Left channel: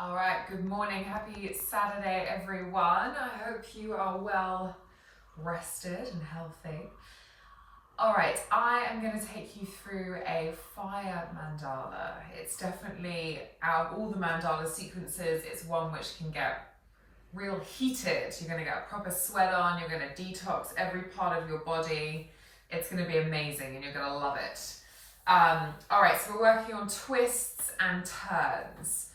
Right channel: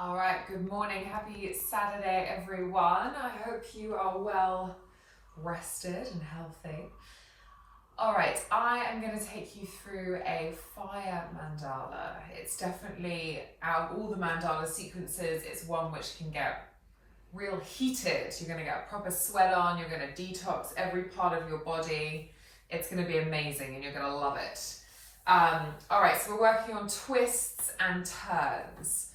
All right, good morning. Happy Saturday, everyone. I hope you are well rested and healthy. All right, I am going to take you through a fire mandala. It's definitely, out of all the mandala sequences, it's one which can get real heated. You're going to get a proper sweat on, you're going to detox every part of your body. It's going to be amazing and you're going to love it. All right, so we're working on twists and turns.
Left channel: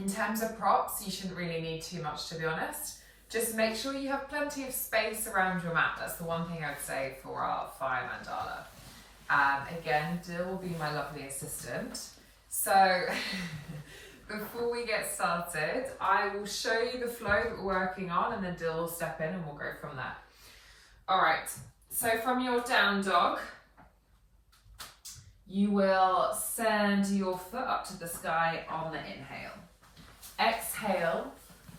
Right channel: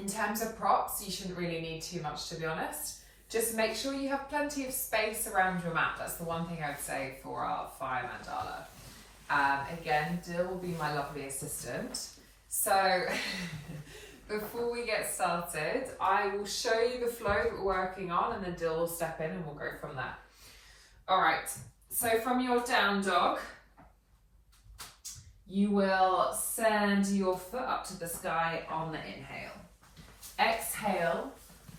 In terms of props, you shouldn't really need too much, to be honest. Just make sure you have plenty of space around your mat. That's the one thing I'd say for our fire mandala. Again, Dill will be my lovely assistant. So before we get started, I will show you the flow that we're working on and then Dill will step in and we'll go from there. All right, so from your down dog, you will send your foot up to the sky on the inhale. Exhale,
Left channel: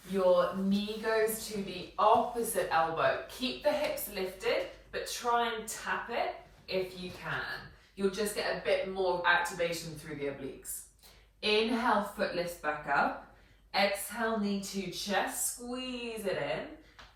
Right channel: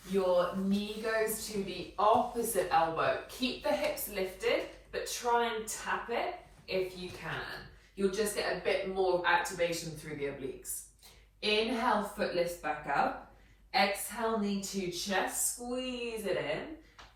your knee goes to the opposite elbow. Keep the hips lifted, but try and tap it if you can. You'll just get a bit more activation through the obliques. Inhale, foot lifts back up. Exhale, knee to chest, squeeze it in,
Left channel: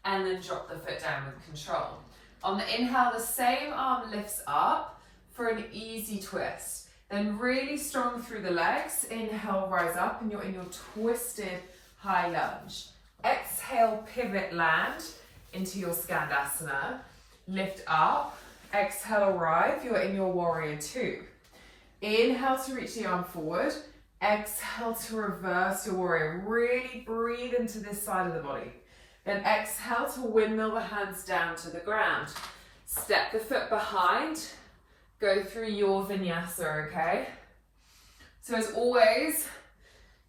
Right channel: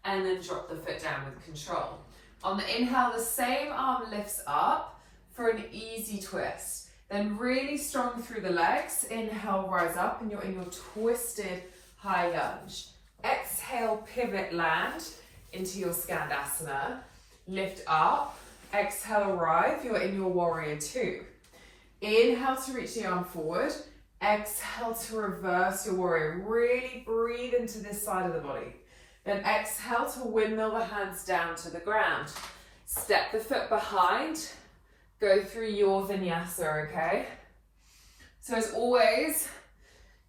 and then drop the foot down with control. On the inhale, the same arm lifts up for an easy twist. Then really strong through the legs. Inhale, rise up, and you're in your twisted high lunge. Exhale, pivot, land into your Skandasana. Lift up. Exhale, arrive. You're in your warrior two. Inhale to reach the arm forward. Exhale to reverse your warrior. Really breathe into this side of the body. Then exhale to windmill the hands down to the ground. Step the foot behind. Go through your vinyasa, okay? So as always,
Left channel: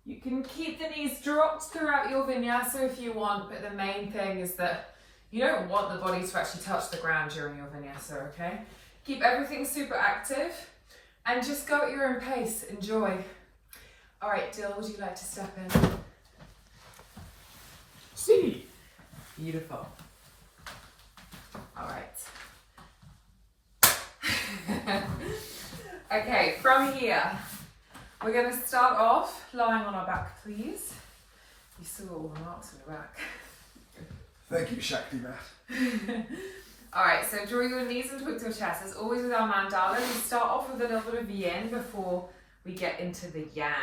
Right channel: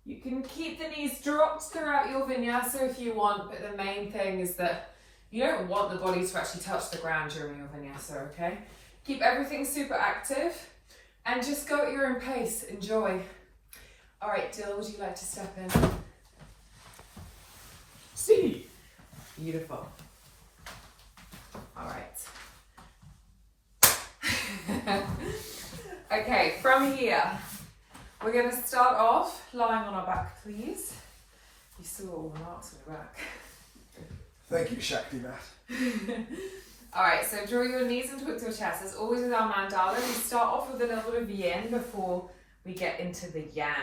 you can keep the knees dropped throughout your vinyasa if you want, but the main thing is that you don't want the body to actually touch the ground during your vinyasa, okay? Keep everything super active and just go at your own pace. Enjoy. All right, Dill, would you like to step in? See. Beautiful. All right. Okay, from here, we're going to start off lying on our back, please. You saw all the marks on your back. Thank you, Shakti Math. All right, so draw your knees and towards your chest. As always with our mandala, we start off with a little bit of yin before we get into the yang.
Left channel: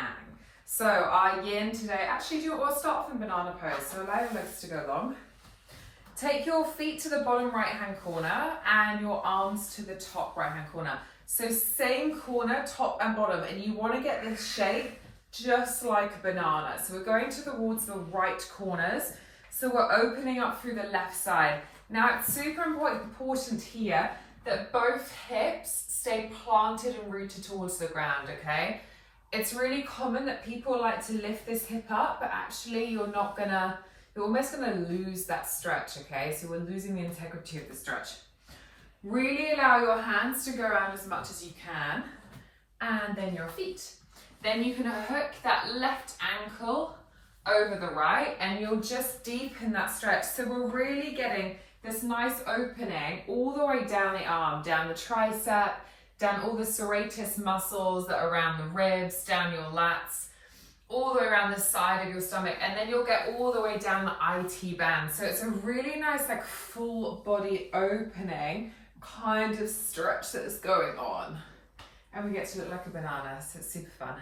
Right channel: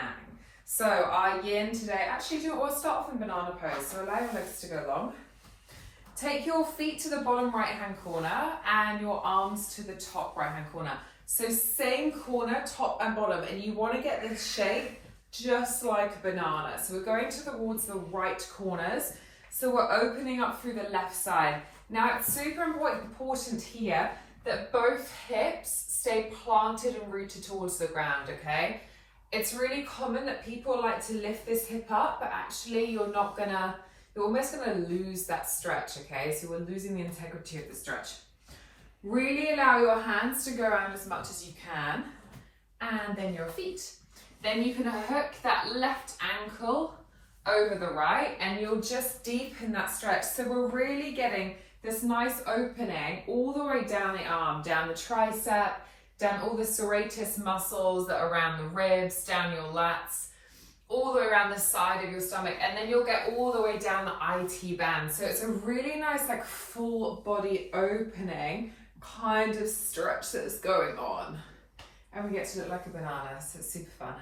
So our yin today, actually, we'll start off in banana pose. So allow your legs to go long. Take your feet to the bottom right-hand corner and your arms to the top right-hand corner. So same corner, top and bottom, and you want to get this shape just like a banana. So we're going towards the right corners. So we're opening up through the left side. Now it's super important here that both hips stay planted and rooted towards the ground, okay? It's really common that people like to lift this hip up, but actually you're almost gonna lose that stretch, okay? So we're losing the integrity of the stretch. Really allow your hands to go around as much as you can, and then your feet. Then you can hook that left ankle over the right, and you'll just deepen that stretch. So we're really getting this nice opening all the way down the arm, down the tricep, down all the serratus muscles that are around the ribs, down your lats, all the way around the side of your stomach, and then you'll get all the way down the IT band. So it's a really nice, like, full body opening kind of stretch that is going on. And we get to look like a banana, so it's super fun.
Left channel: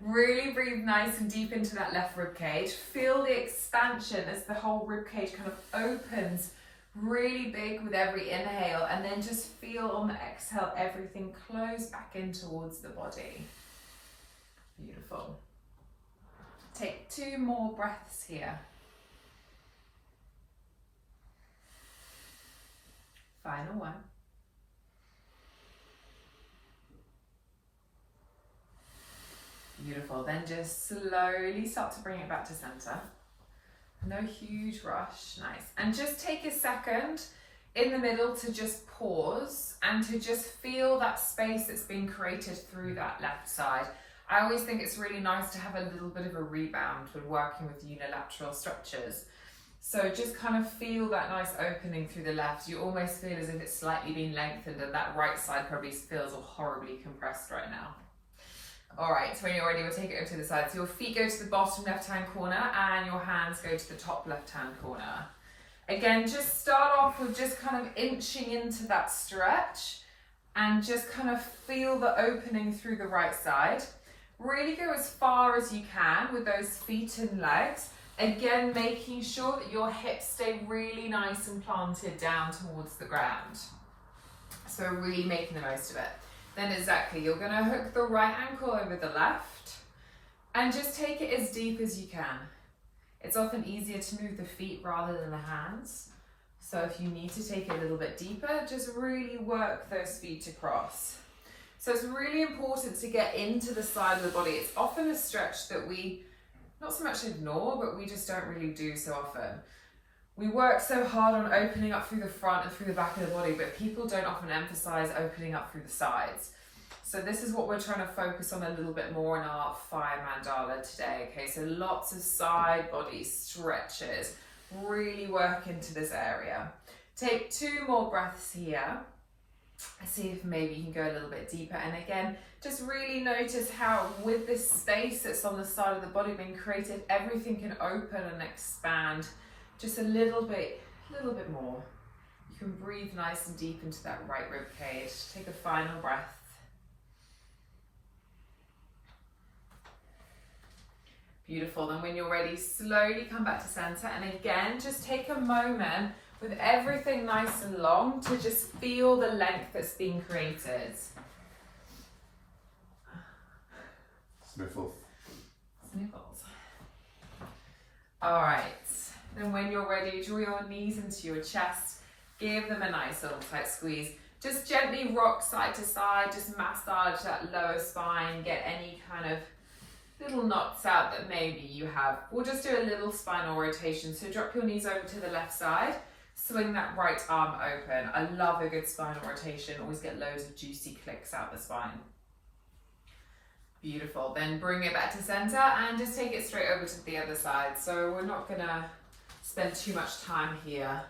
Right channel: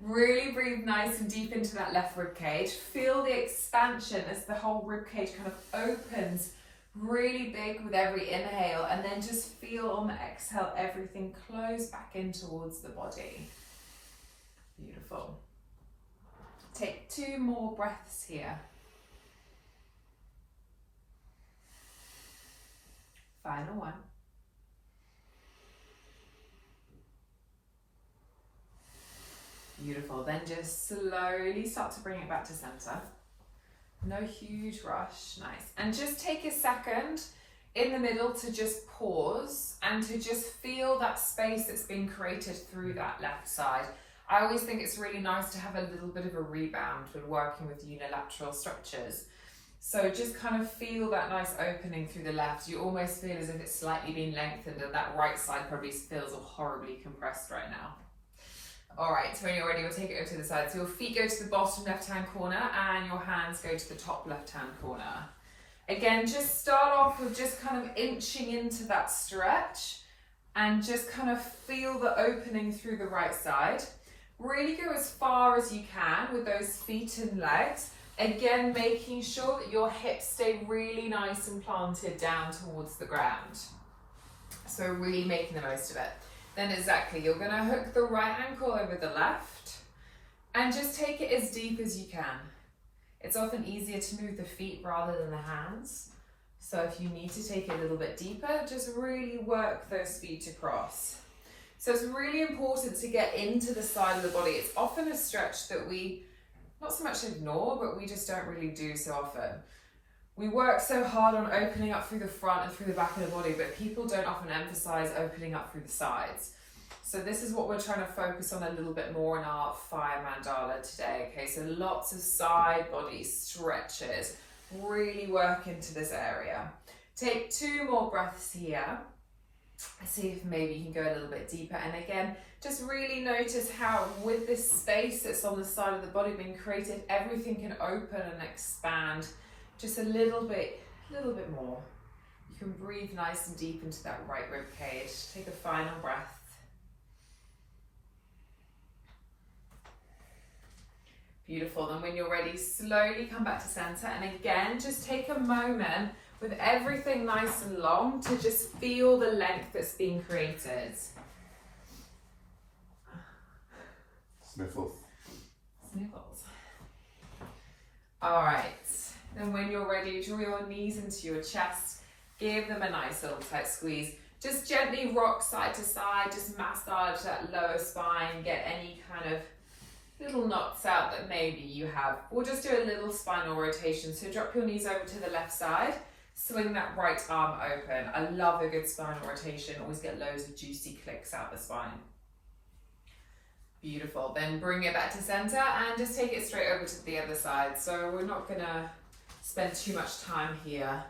Really breathe nice and deep into that left rib cage. Feel the expansion as the whole rib cage kind of opens really big with every inhale, and then just feel on the exhale everything close back in towards the body. Beautiful. Take 2 more breaths here. Final one. Beautiful. Then just slowly start to bring it back to center. No huge rush. Nice. And just take a second in the middle to just pause and to just feel that space that's been created through that left side. I always think it's really nice to have a little bit of a rebound when working with unilateral structures. So just kind of feel that nice opening through the left. You almost feel as if it's slightly been lengthened, and that right side probably feels horribly compressed right now. All right, so when you're ready, we'll take it over to the side. So your feet go to the bottom left-hand corner and your hands go to the top left-hand corner. Again, just start off with just kind of inching into that stretch and just kind of feel the opening through the right side. Really go as far as you can with those feet and legs. Again, making sure that your hips stay really nice and planted down towards the ground. So really making the most of it. Then exactly, you're gonna hook the right ankle over the left and just take it as deep as you can. It's often easier to move the feet rather than the hands. So if you need to take it a little bit deeper, just really work those feet across. So it's really important to get into the side of the body. It's often a stretch that we not so much ignore, but we just don't really do so often. We work so hard on opening up through the front and through the back of the body, but people don't often emphasize opening up through the sides. So this is what we're trying to focus on a little bit more in our fire mandala today. Okay, so lots of side body stretches. Really work into this area. Take 2 more breaths here. See if maybe you can go a little bit deeper. And again, just really notice how with this space that's on the side of the body being created, everything can open and expand just a little bit more. You can breathe nice and deep into that right rib cage. Take a final breath. Beautiful. Then when you're ready, slowly come back to center. And again, just take a moment with everything nice and long to just feel the length that's being created. Sniffles. Sniffles. All right. Then when you're ready, draw your knees into your chest. Give them a nice little tight squeeze. Just gently rock side to side. Just massage that lower spine. Get any kind of little knots out that maybe you have. We'll just do a little spinal rotation. So drop your knees over to the left side. Swing that right arm open. I love a good spinal rotation. Always get loads of juicy clicks out the spine. Beautiful. Then bring it back to center and just take it straight over to the other side. So we're not gonna spend too much time here.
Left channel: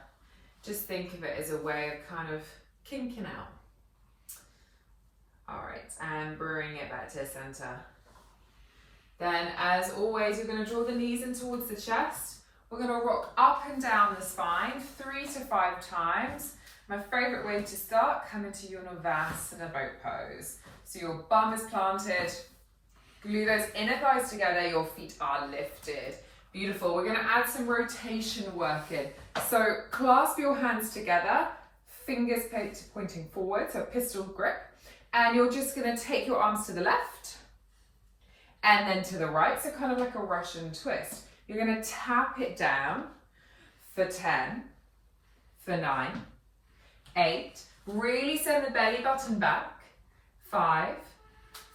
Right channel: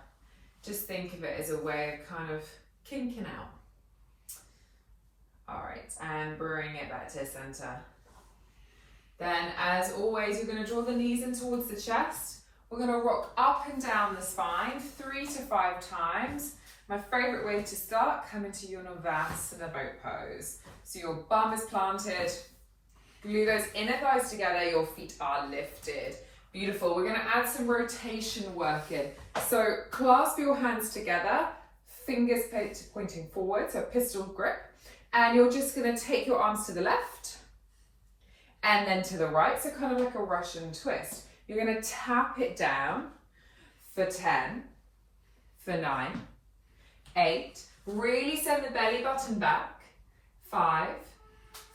Just think of it as a way of kind of kinking out. All right, and bring it back to center. Then, as always, you're going to draw the knees in towards the chest. We're going to rock up and down the spine 3 to 5 times. My favorite way to start, come into your Navasana boat pose. So your bum is planted, glue those inner thighs together, your feet are lifted. Beautiful. We're going to add some rotation work in. So clasp your hands together, fingers pointing forward, so pistol grip. And you're just going to take your arms to the left and then to the right, so kind of like a Russian twist. You're going to tap it down for 10, for 9, 8. Really send the belly button back. 5,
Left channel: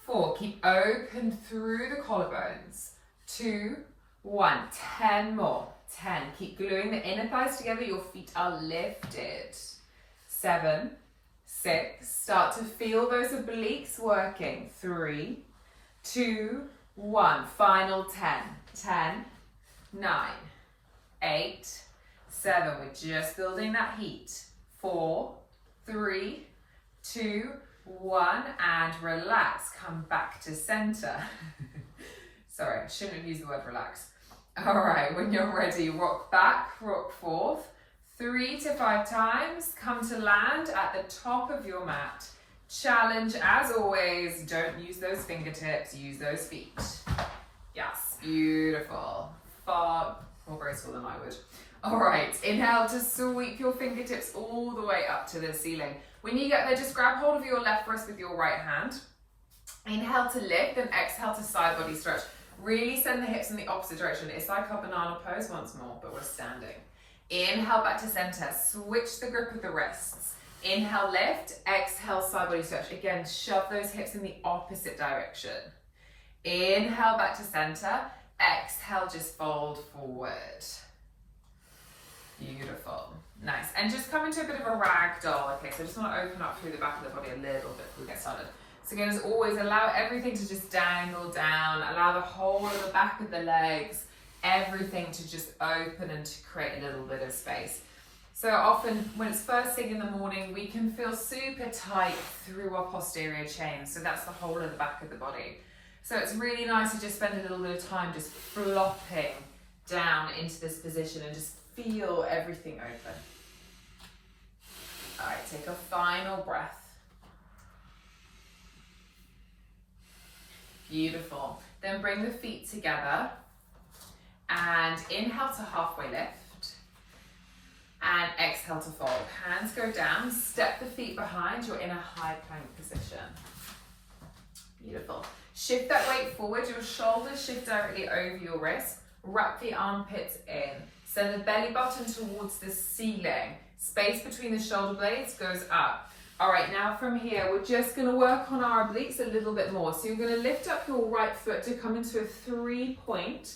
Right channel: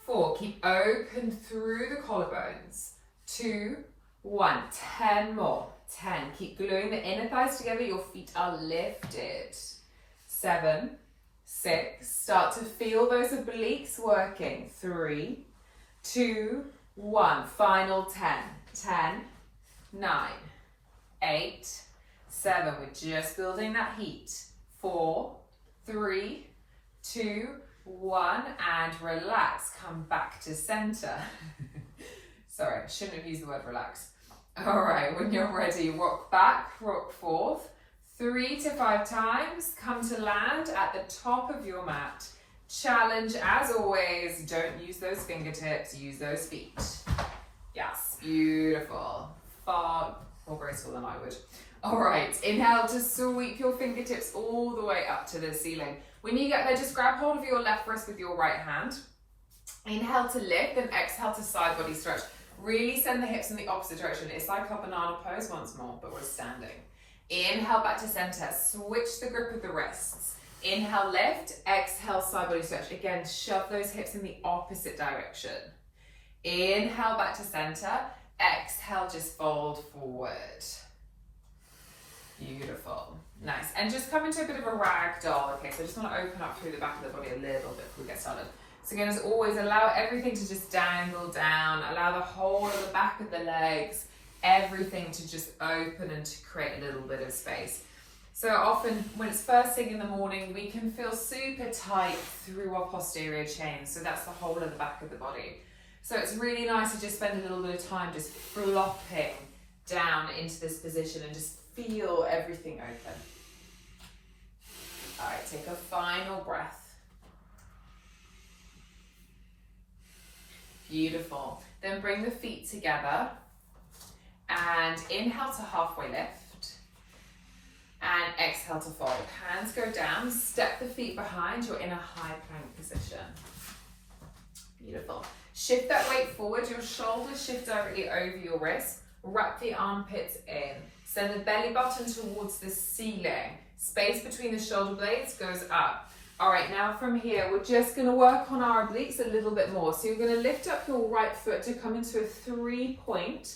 4. Keep open through the collarbones. 2, 1. 10 more. 10. Keep gluing the inner thighs together. Your feet are lifted. 7, 6. Start to feel those obliques working. 3, 2, 1. Final 10. 10, 9, 8, 7. We're just building that heat. 4, 3, 2, 1. And relax. Come back to center. Sorry, shouldn't have used the word relax. All right, when you're ready, rock back, rock forth. 3 to 5 times. Come to land at the top of your mat. Challenge, as always, don't use those fingertips, use those feet. Yes, beautiful. Far more graceful than I would. All right, inhale to sweep your fingertips all the way up to the ceiling. When you get there, just grab hold of your left wrist with your right hand. Inhale to lift, then exhale to side body stretch. Really send the hips in the opposite direction. It's like our banana pose once more, but we're standing. Inhale back to center, switch the grip of the wrists. Inhale, lift, exhale, side body stretch. Again, shove those hips in the opposite direction. Inhale back to center, exhale, just fold forward. Beautiful, nice. And just come into a bit of a rag doll. Okay, so I just want to open up through the back of the body a little bit before we get started. So again, as always, allow everything to just dangle down, allow the whole of the back of the legs, everything to just open and to create a little bit of space. So often when it's first thing in the morning, we can feel super tight through our posterior chain. So that's the whole of the back of the body. So it's really nice to just spend a little bit of time just flopping down into this position and just feel everything open. All right, take a final breath. Beautiful. Then bring the feet together and inhale to halfway lift and exhale to fold. Hands go down, step the feet behind, you're in a high plank position. Beautiful. Shift that weight forward, your shoulders shift directly over your wrists, wrap the armpits in. Send the belly button towards the ceiling. Space between the shoulder blades goes up. All right, now from here, we're just gonna work on our obliques a little bit more. So you're gonna lift up your right foot to come into a 3-point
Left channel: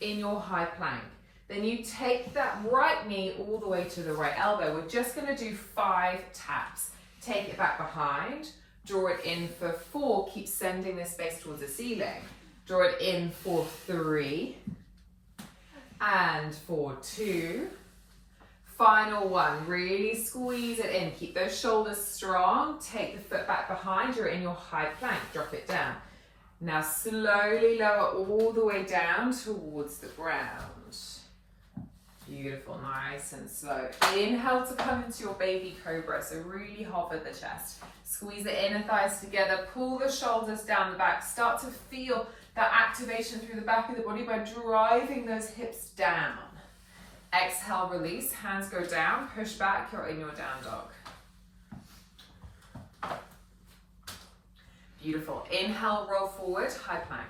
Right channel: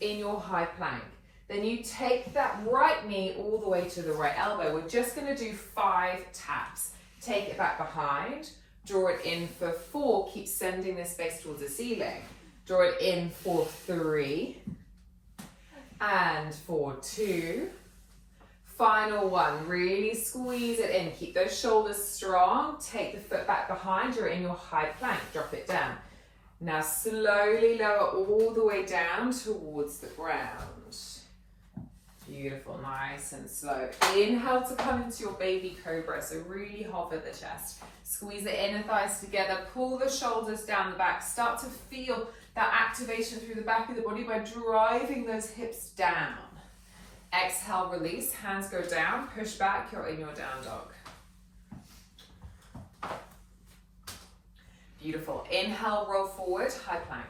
in your high plank. Then you take that right knee all the way to the right elbow. We're just gonna do 5 taps. Take it back behind, draw it in for 4, keep sending this space towards the ceiling. Draw it in for 3, and for 2. Final 1, really squeeze it in. Keep those shoulders strong. Take the foot back behind, you're in your high plank, drop it down. Now slowly lower all the way down towards the ground. Beautiful, nice and slow. Inhale to come into your baby cobra, so really hover the chest. Squeeze the inner thighs together, pull the shoulders down the back. Start to feel that activation through the back of the body by driving those hips down. Exhale, release, hands go down, push back, you're in your down dog. Beautiful. Inhale, roll forward, high plank.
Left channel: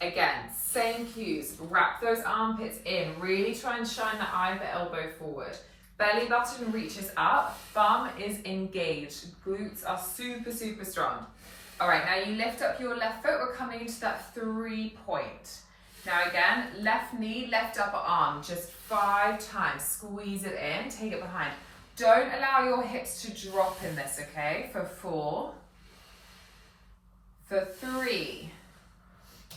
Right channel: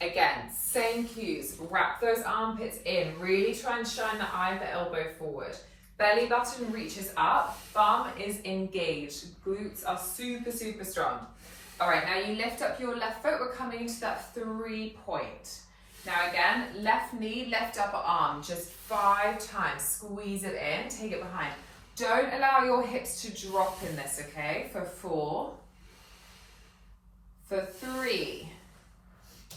Again, same cues. Wrap those armpits in. Really try and shine the eye of the elbow forward. Belly button reaches up, bum is engaged. Glutes are super, super strong. All right, now you lift up your left foot. We're coming into that 3-point. Now again, left knee, left upper arm, just 5 times. Squeeze it in, take it behind. Don't allow your hips to drop in this, okay? For 4, for 3.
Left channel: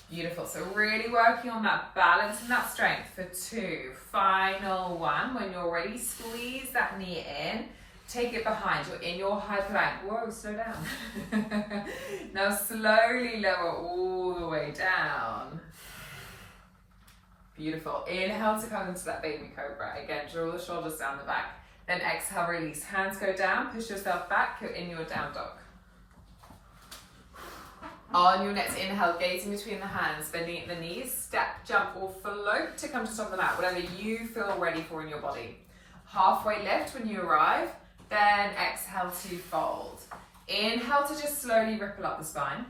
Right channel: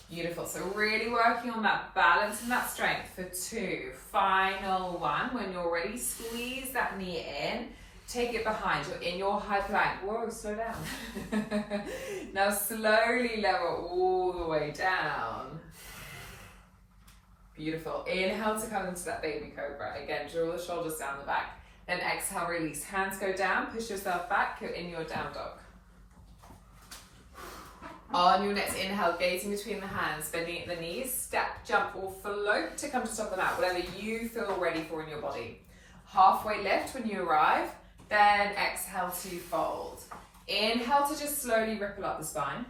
Beautiful, so really working on that balance and that strength for 2. Final 1, when you're ready, squeeze that knee in, take it behind, you're in your high plank. Whoa, slow down. Now slowly lower all the way down. Beautiful, inhale to come into that baby cobra. Again, draw the shoulders down the back. Then exhale, release, hands go down, push yourself back, you're in your down dog. On your next inhale, gazing between the hands, bending at the knees, step, jump, or float to come to top of the mat, whatever you feel ready for in your body. Halfway lift when you arrive, then exhale to fold. Inhale to just slowly ripple up the spine.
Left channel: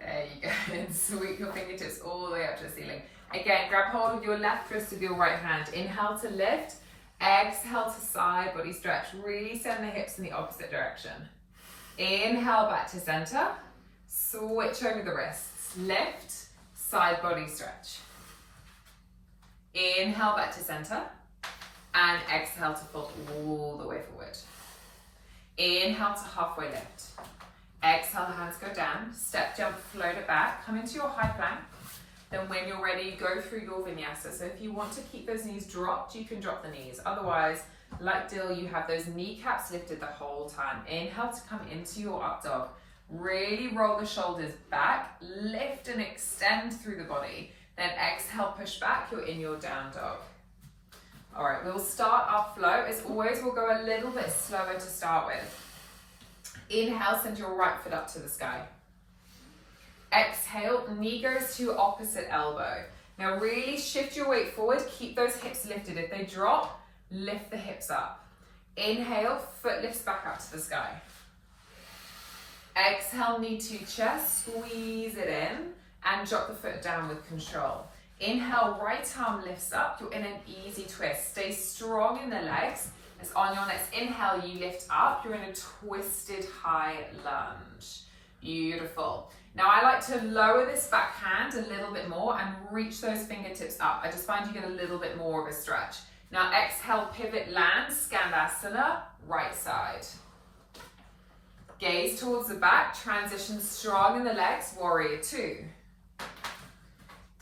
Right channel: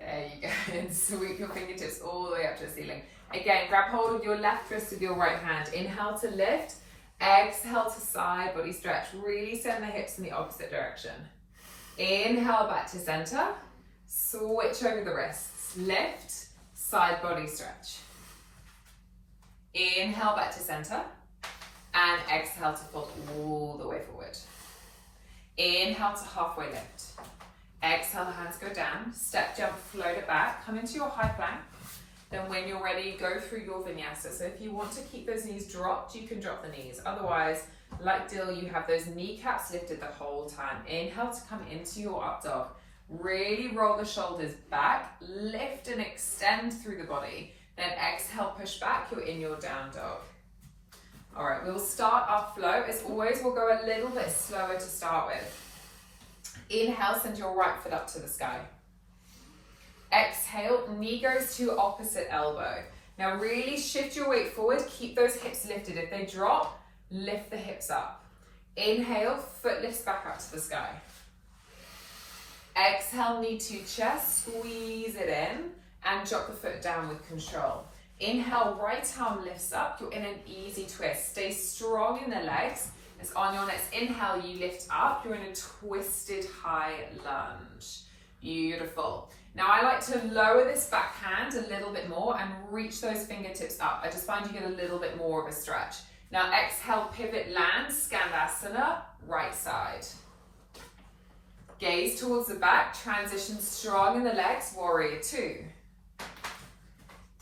There you go, and sweep your fingertips all the way up to the ceiling. Again, grab hold of your left wrist with your right hand. Inhale to lift, exhale to side body stretch. Really send the hips in the opposite direction. Inhale back to center. Switch over the wrists, lift, side body stretch. Inhale back to center and exhale to fold all the way forward. Inhale to halfway lift. Exhale, hands go down, step, jump, float it back, come into your high plank. Then when you're ready, go through your vinyasa. So if you want to keep those knees dropped, you can drop the knees. Otherwise, like Dill, you have those kneecaps lifted the whole time. Inhale to come into your up dog. Really roll the shoulders back, lift and extend through the body. Then exhale, push back, you're in your down dog. All right, we'll start our flow. As always, we'll go a little bit slower to start with. Inhale, send your right foot up to the sky. Exhale, knee goes to opposite elbow. Now really shift your weight forward, keep those hips lifted. If they drop, lift the hips up. Inhale, foot lifts back up to the sky. Exhale, knee to chest, squeeze it in and drop the foot down with control. Inhale, right arm lifts up, you're in an easy twist. Stay strong in the legs. As on your next inhale, you lift up, you're in a twisted high lunge. Beautiful. Now I like to lower this back hand a little bit more and reach those fingertips up. I just find you get a little bit more of a stretch. Now exhale, pivot, land, Skandasana, right side. Gaze towards the back, transition strong in the legs, warrior 2.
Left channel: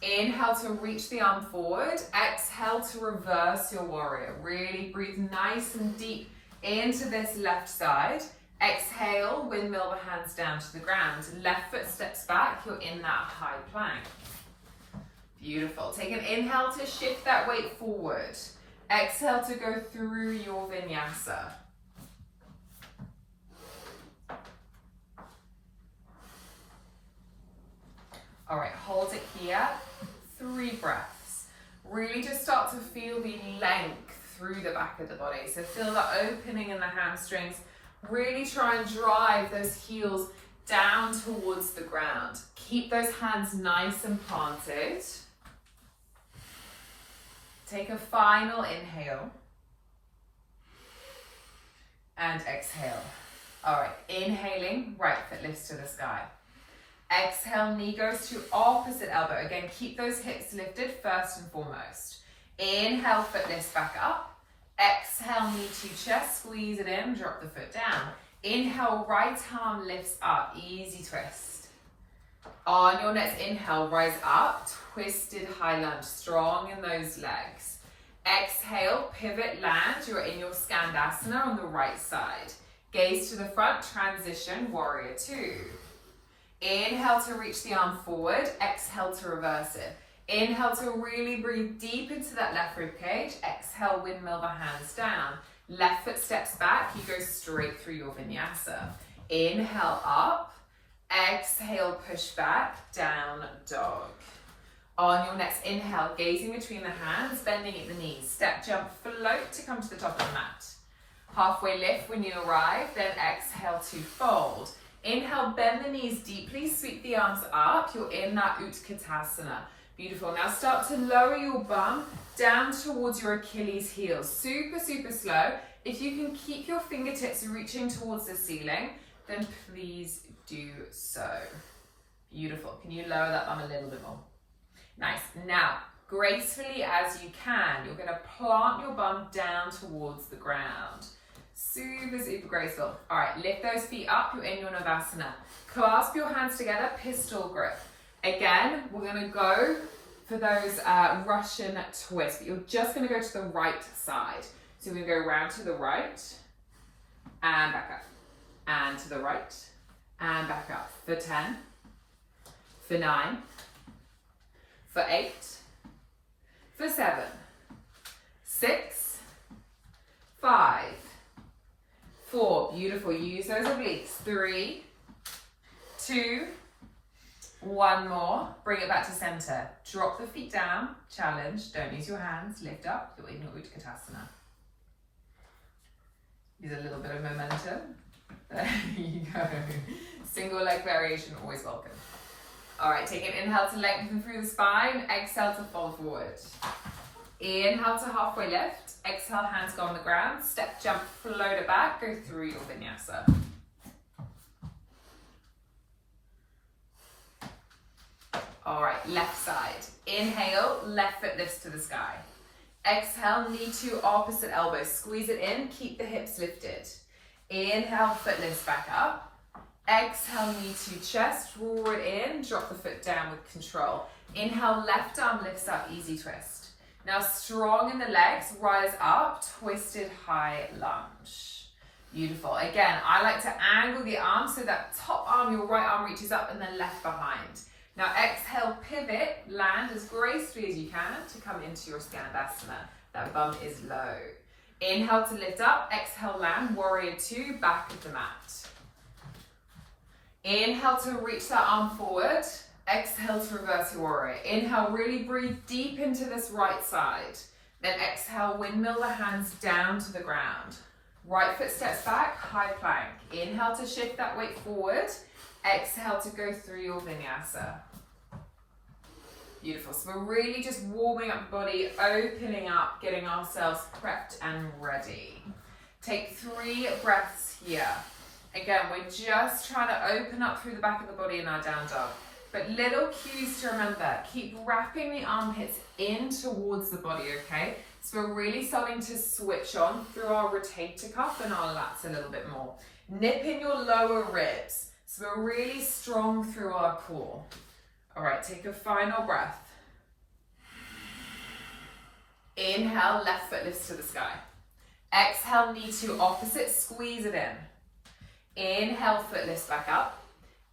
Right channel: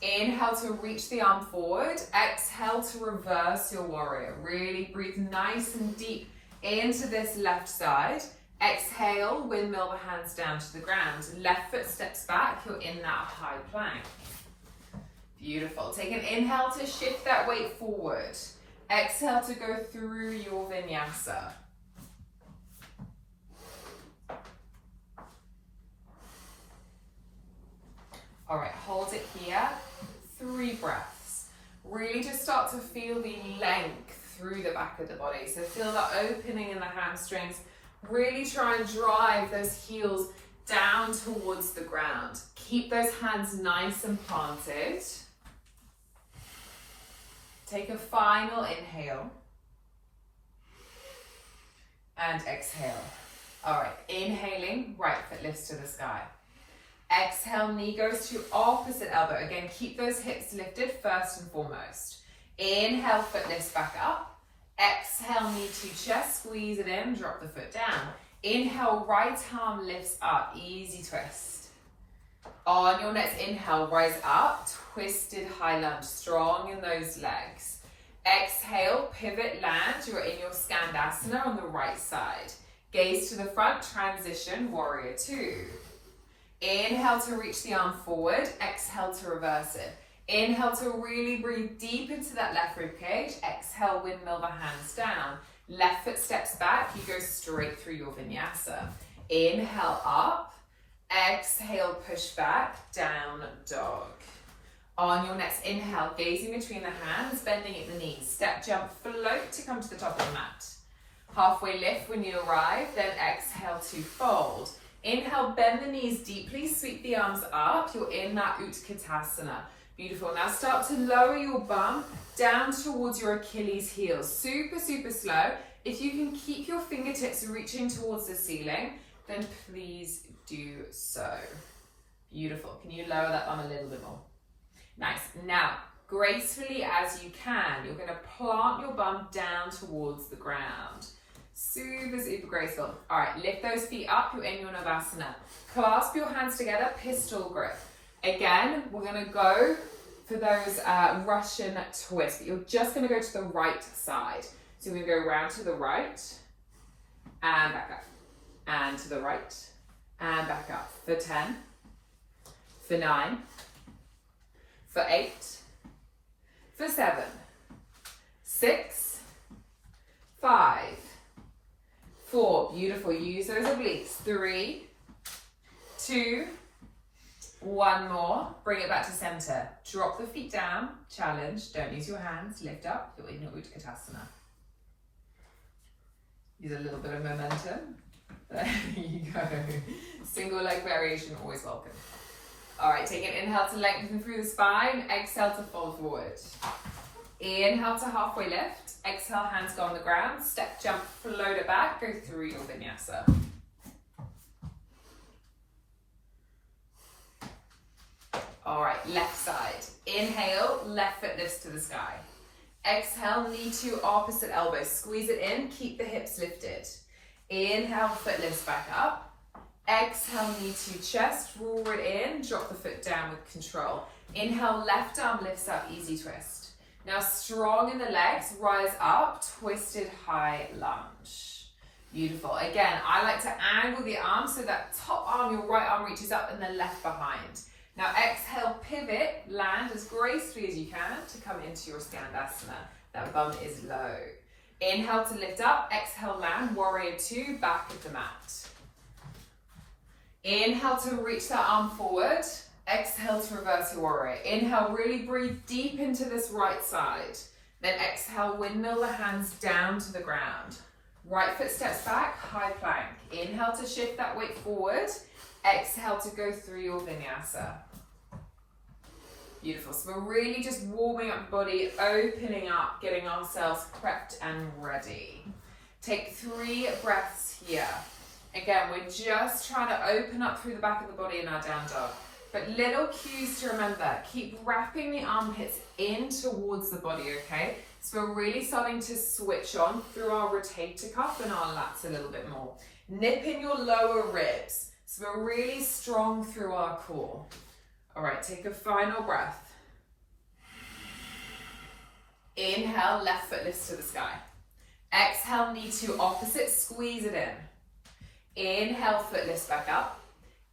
Inhale to reach the arm forward, exhale to reverse your warrior. Really breathe nice and deep into this left side Exhale, windmill the hands down to the ground. Left foot steps back, you're in that high plank. Beautiful. Take an inhale to shift that weight forward. Exhale to go through your vinyasa. All right, hold it here. 3 breaths. Really just start to feel the length through the back of the body. So feel the opening in the hamstrings. Really try and drive those heels down towards the ground. Keep those hands nice and planted. Take a final inhale. And exhale. All right, inhaling, right foot lifts to the sky. Exhale, knee goes to opposite elbow. Again, keep those hips lifted first and foremost. Inhale, foot lifts back up. Exhale, knee to chest, squeeze it in, drop the foot down. Inhale, right arm lifts up, easy twist. On your next inhale, rise up, twisted high lunge, strong in those legs. Exhale, pivot, land, you're in your Skandasana on the right side. Gaze to the front, transition, warrior 2. Inhale to reach the arm forward, exhale to reverse it. Inhale to really breathe deep into that left rib cage. Exhale, windmill the hands down. Left foot steps back, you go straight through your vinyasa. Inhale up, exhale push back, down dog. On your next inhale, gazing between the hands, bending at the knees. Step, jump, float to come to the top of the mat. Halfway lift when you arrive, then exhale to fold. Inhale, bend the knees deeply, sweep the arms up. You're in that Utkatasana. Beautiful. Now start to lower your bum down towards your Achilles heel. Super, super slow. If you can keep your fingertips reaching towards the ceiling, then please do so. Beautiful. Can you lower that bum a little bit more? Nice. Now, gracefully as you can, you're going to plant your bum down towards the ground. Super, super graceful. All right, lift those feet up, you're in your Navasana. Clasp your hands together, pistol grip. Again, we're gonna go for those Russian twists, but you're just gonna go to the right side. So we're gonna go around to the right, and back up, and to the right, and back up. For 10, for 9, for 8, for 7, 6, 5, 4, beautiful, use those obliques. 3, 2, 1 more, bring it back to center. Drop the feet down, challenge, don't use your hands, lift up, you're in your Utkatasana. Use a little bit of momentum. There you go. Single leg variation, always welcome. All right, take an inhale to lengthen through the spine, exhale to fold forward. Inhale to halfway lift, exhale, hands go on the ground, step, jump, float it back, go through your vinyasa. All right, left side. Inhale, left foot lifts to the sky. Exhale, knee to opposite elbow, squeeze it in, keep the hips lifted. Inhale, foot lifts back up. Exhale, knee to chest, draw it in, drop the foot down with control. Inhale, left arm lifts up, easy twist. Now strong in the legs, rise up, twisted high lunge. Beautiful. Again, I like to angle the arm so that top arm, your right arm reaches up and then left behind. Now exhale, pivot, land as gracefully as you can to come into your Skandasana. That bum is low. Inhale to lift up, exhale, land, warrior 2, back of the mat. Inhale to reach that arm forward. Exhale to reverse your warrior. Inhale, really breathe deep into this right side. Then exhale, windmill the hands down to the ground. Right foot steps back, high plank. Inhale to shift that weight forward. Exhale to go through your vinyasa. Beautiful. So we're really just warming up the body, opening up, getting ourselves prepped and ready. Take 3 breaths here. Again, we're just trying to open up through the back of the body in our down dog. But little cues to remember, keep wrapping the armpits in towards the body, okay? So we're really starting to switch on through our rotator cuff and our lats a little bit more. Nip in your lower ribs. So we're really strong through our core. All right, take a final breath. Inhale, left foot lifts to the sky. Exhale, knee to opposite, squeeze it in. Inhale, foot lifts back up.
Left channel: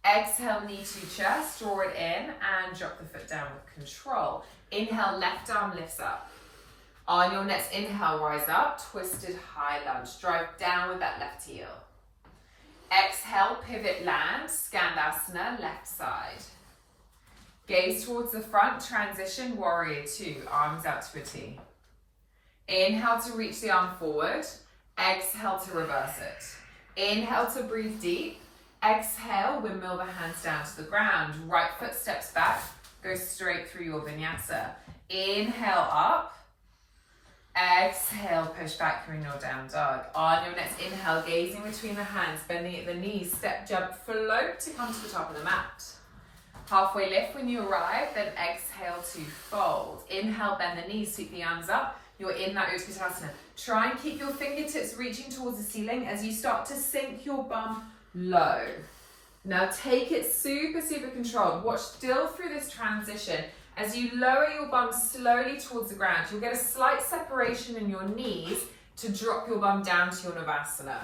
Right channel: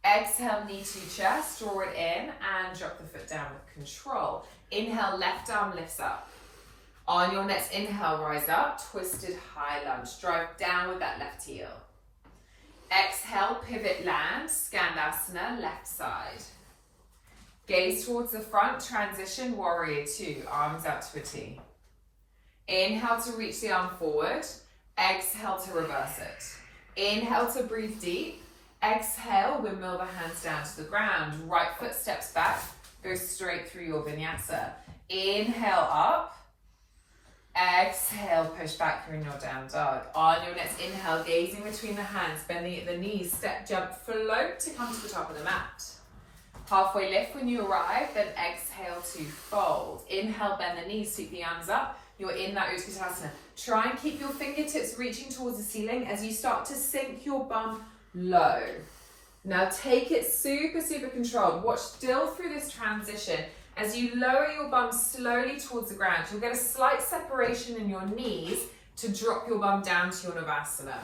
Exhale, knee to chest, draw it in and drop the foot down with control. Inhale, left arm lifts up. On your next inhale, rise up, twisted high lunge. Drive down with that left heel. Exhale, pivot land, Skandasana, left side. Gaze towards the front, transition, warrior two, arms out to a T. Inhale to reach the arm forward. Exhale to reverse it. Inhale to breathe deep. Exhale, windmill the hands down to the ground. Right foot steps back, go straight through your vinyasa. Inhale up. Exhale, push back through your down dog. On your next inhale, gazing between the hands, bending at the knees, step, jump, float to come to the top of the mat. Halfway lift when you arrive, then exhale to fold. Inhale, bend the knees, sweep the arms up. You're in that Utkatasana. Try and keep your fingertips reaching towards the ceiling as you start to sink your bum low. Now take it super, super controlled. Watch still through this transition. As you lower your bum slowly towards the ground, you'll get a slight separation in your knees to drop your bum down to your Navasana.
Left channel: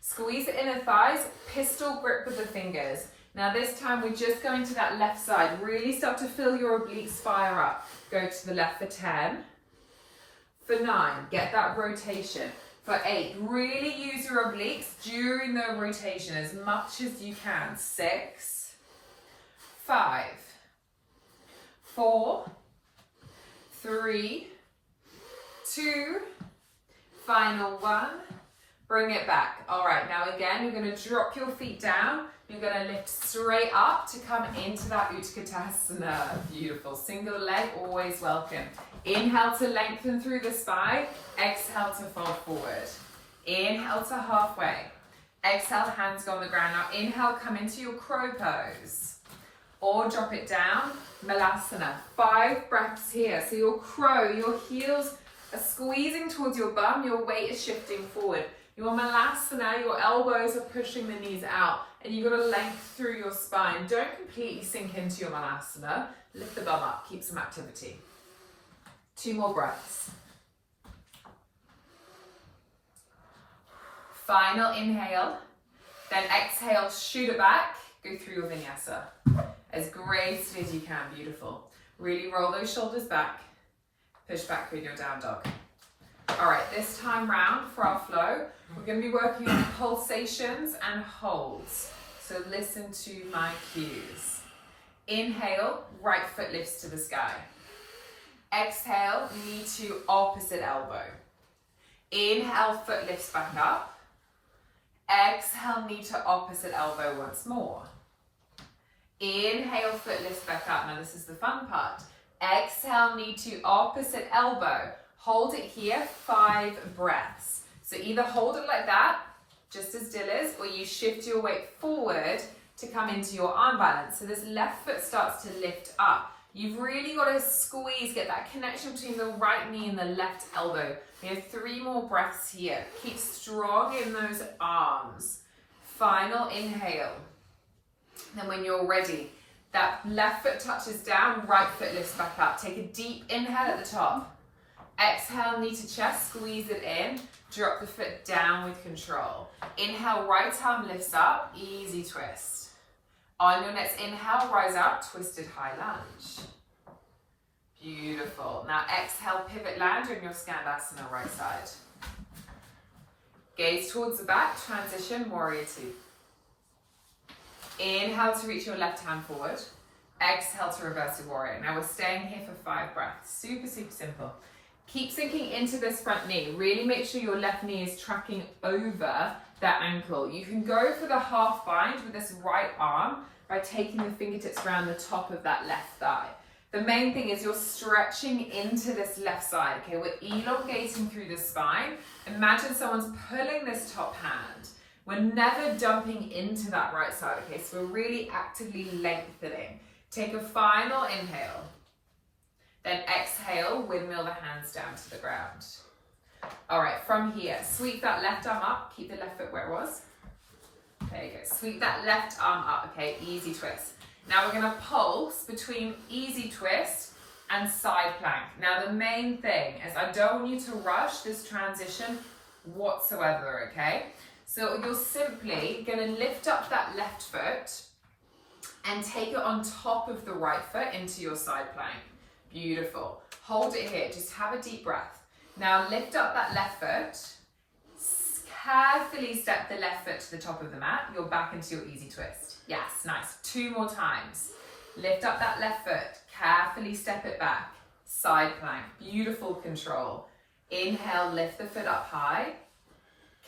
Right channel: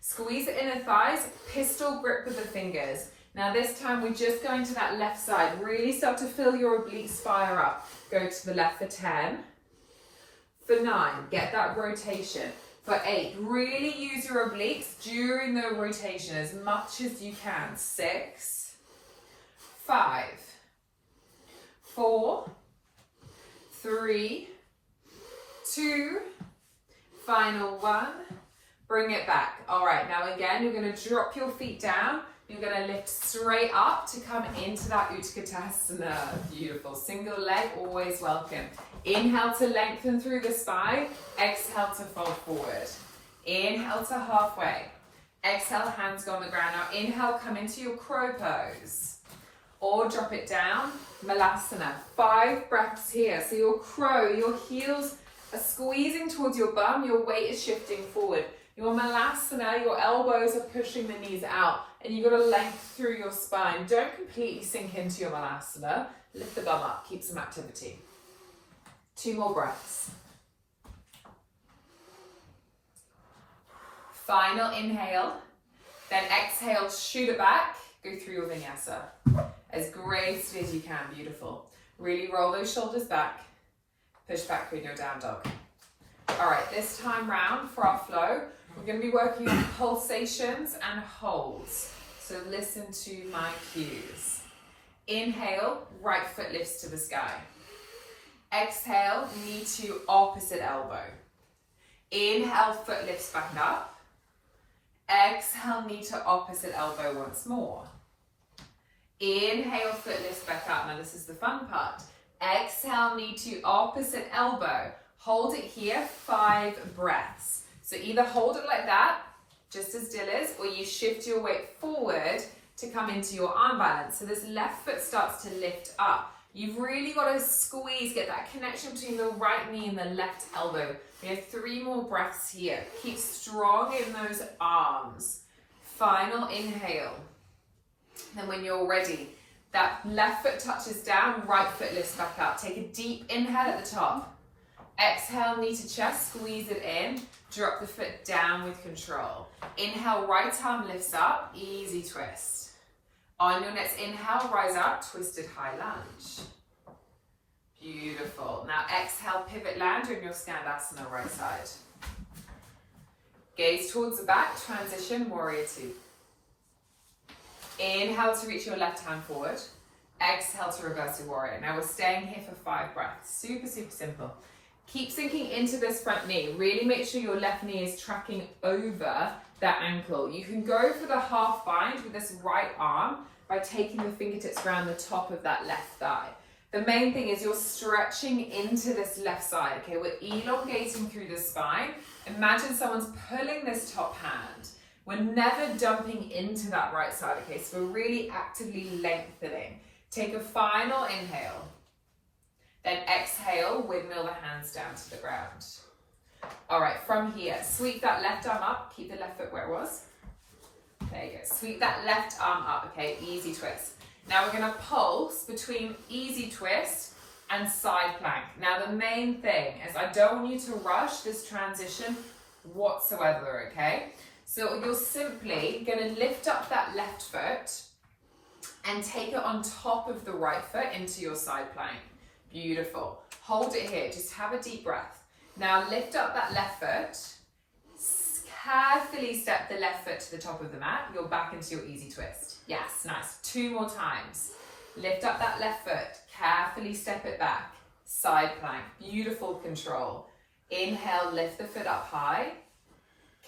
Squeeze the inner thighs, pistol grip with the fingers. Now this time we're just going to that left side. Really start to feel your obliques fire up. Go to the left for 10. For 9, get that rotation. For 8, really use your obliques during the rotation as much as you can. 6, 5, 4, 3, 2, final 1. Bring it back. All right, now again, you're going to drop your feet down. You're going to lift straight up to come into that Utkatasana. Beautiful. Single leg, always welcome. Inhale to lengthen through the spine. Exhale to fold forward. Inhale to halfway. Exhale, hands go on the ground. Now inhale, come into your crow pose. Or drop it down, Malasana. 5 breaths here. So your crow, your heels are squeezing towards your bum. Your weight is shifting forward. Your Malasana, your elbows are pushing the knees out. And you've got to lengthen through your spine. Don't completely sink into your Malasana. Lift the bum up, keep some activity. 2 more breaths. Final inhale. Then exhale, shoot it back. Go through your vinyasa. As gracefully as you can, beautiful. Really roll those shoulders back. Push back through your down dog. All right, this time round for our flow, we're going to be working on pulsations and holds. So listen to my cues. Inhale, right foot lifts to the sky. Exhale, knee to opposite elbow. Inhale, foot lifts back up. Exhale, knee to opposite elbow once more. Inhale, foot lifts back up. Now this is the fun part. Exhale, knee to opposite elbow. Hold it here, 5 breaths. So either hold it like that, just as Dill is, or you shift your weight forward to come into your arm balance. So this left foot starts to lift up. You've really got to squeeze, get that connection between the right knee and the left elbow. We have 3 more breaths here. Keep strong in those arms. Final inhale. Then when you're ready, that left foot touches down, right foot lifts back up. Take a deep inhale at the top. Exhale, knee to chest, squeeze it in. Drop the foot down with control. Inhale, right arm lifts up, easy twist. On your next inhale, rise up, twisted high lunge. Beautiful. Now exhale, pivot land in your Skandasana right side. Gaze towards the back, transition, warrior two. Inhale to reach your left hand forward. Exhale to reverse your warrior. Now we're staying here for 5 breaths. Super, super simple. Keep sinking into this front knee. Really make sure your left knee is tracking over that ankle. You can go for the half bind with this right arm by taking the fingertips around the top of that left thigh. The main thing is you're stretching into this left side, okay? We're elongating through the spine. Imagine someone's pulling this top hand. We're never dumping into that right side, okay? So we're really actively lengthening. Take a final inhale. Then exhale, windmill the hands down to the ground. All right, from here, sweep that left arm up. Keep the left foot where it was. There you go. Sweep that left arm up, okay? Easy twist. Now we're gonna pulse between easy twist and side plank. Now the main thing is I don't want you to rush this transition whatsoever, okay? So you're simply going to lift up that left foot and take it on top of the right foot into your side plank. Beautiful. Hold it here. Just have a deep breath. Now lift up that left foot. Carefully step the left foot to the top of the mat. You're back into your easy twist. Yes, nice. 2 more times. Lift up that left foot. Carefully step it back. Side plank. Beautiful control. Inhale, lift the foot up high.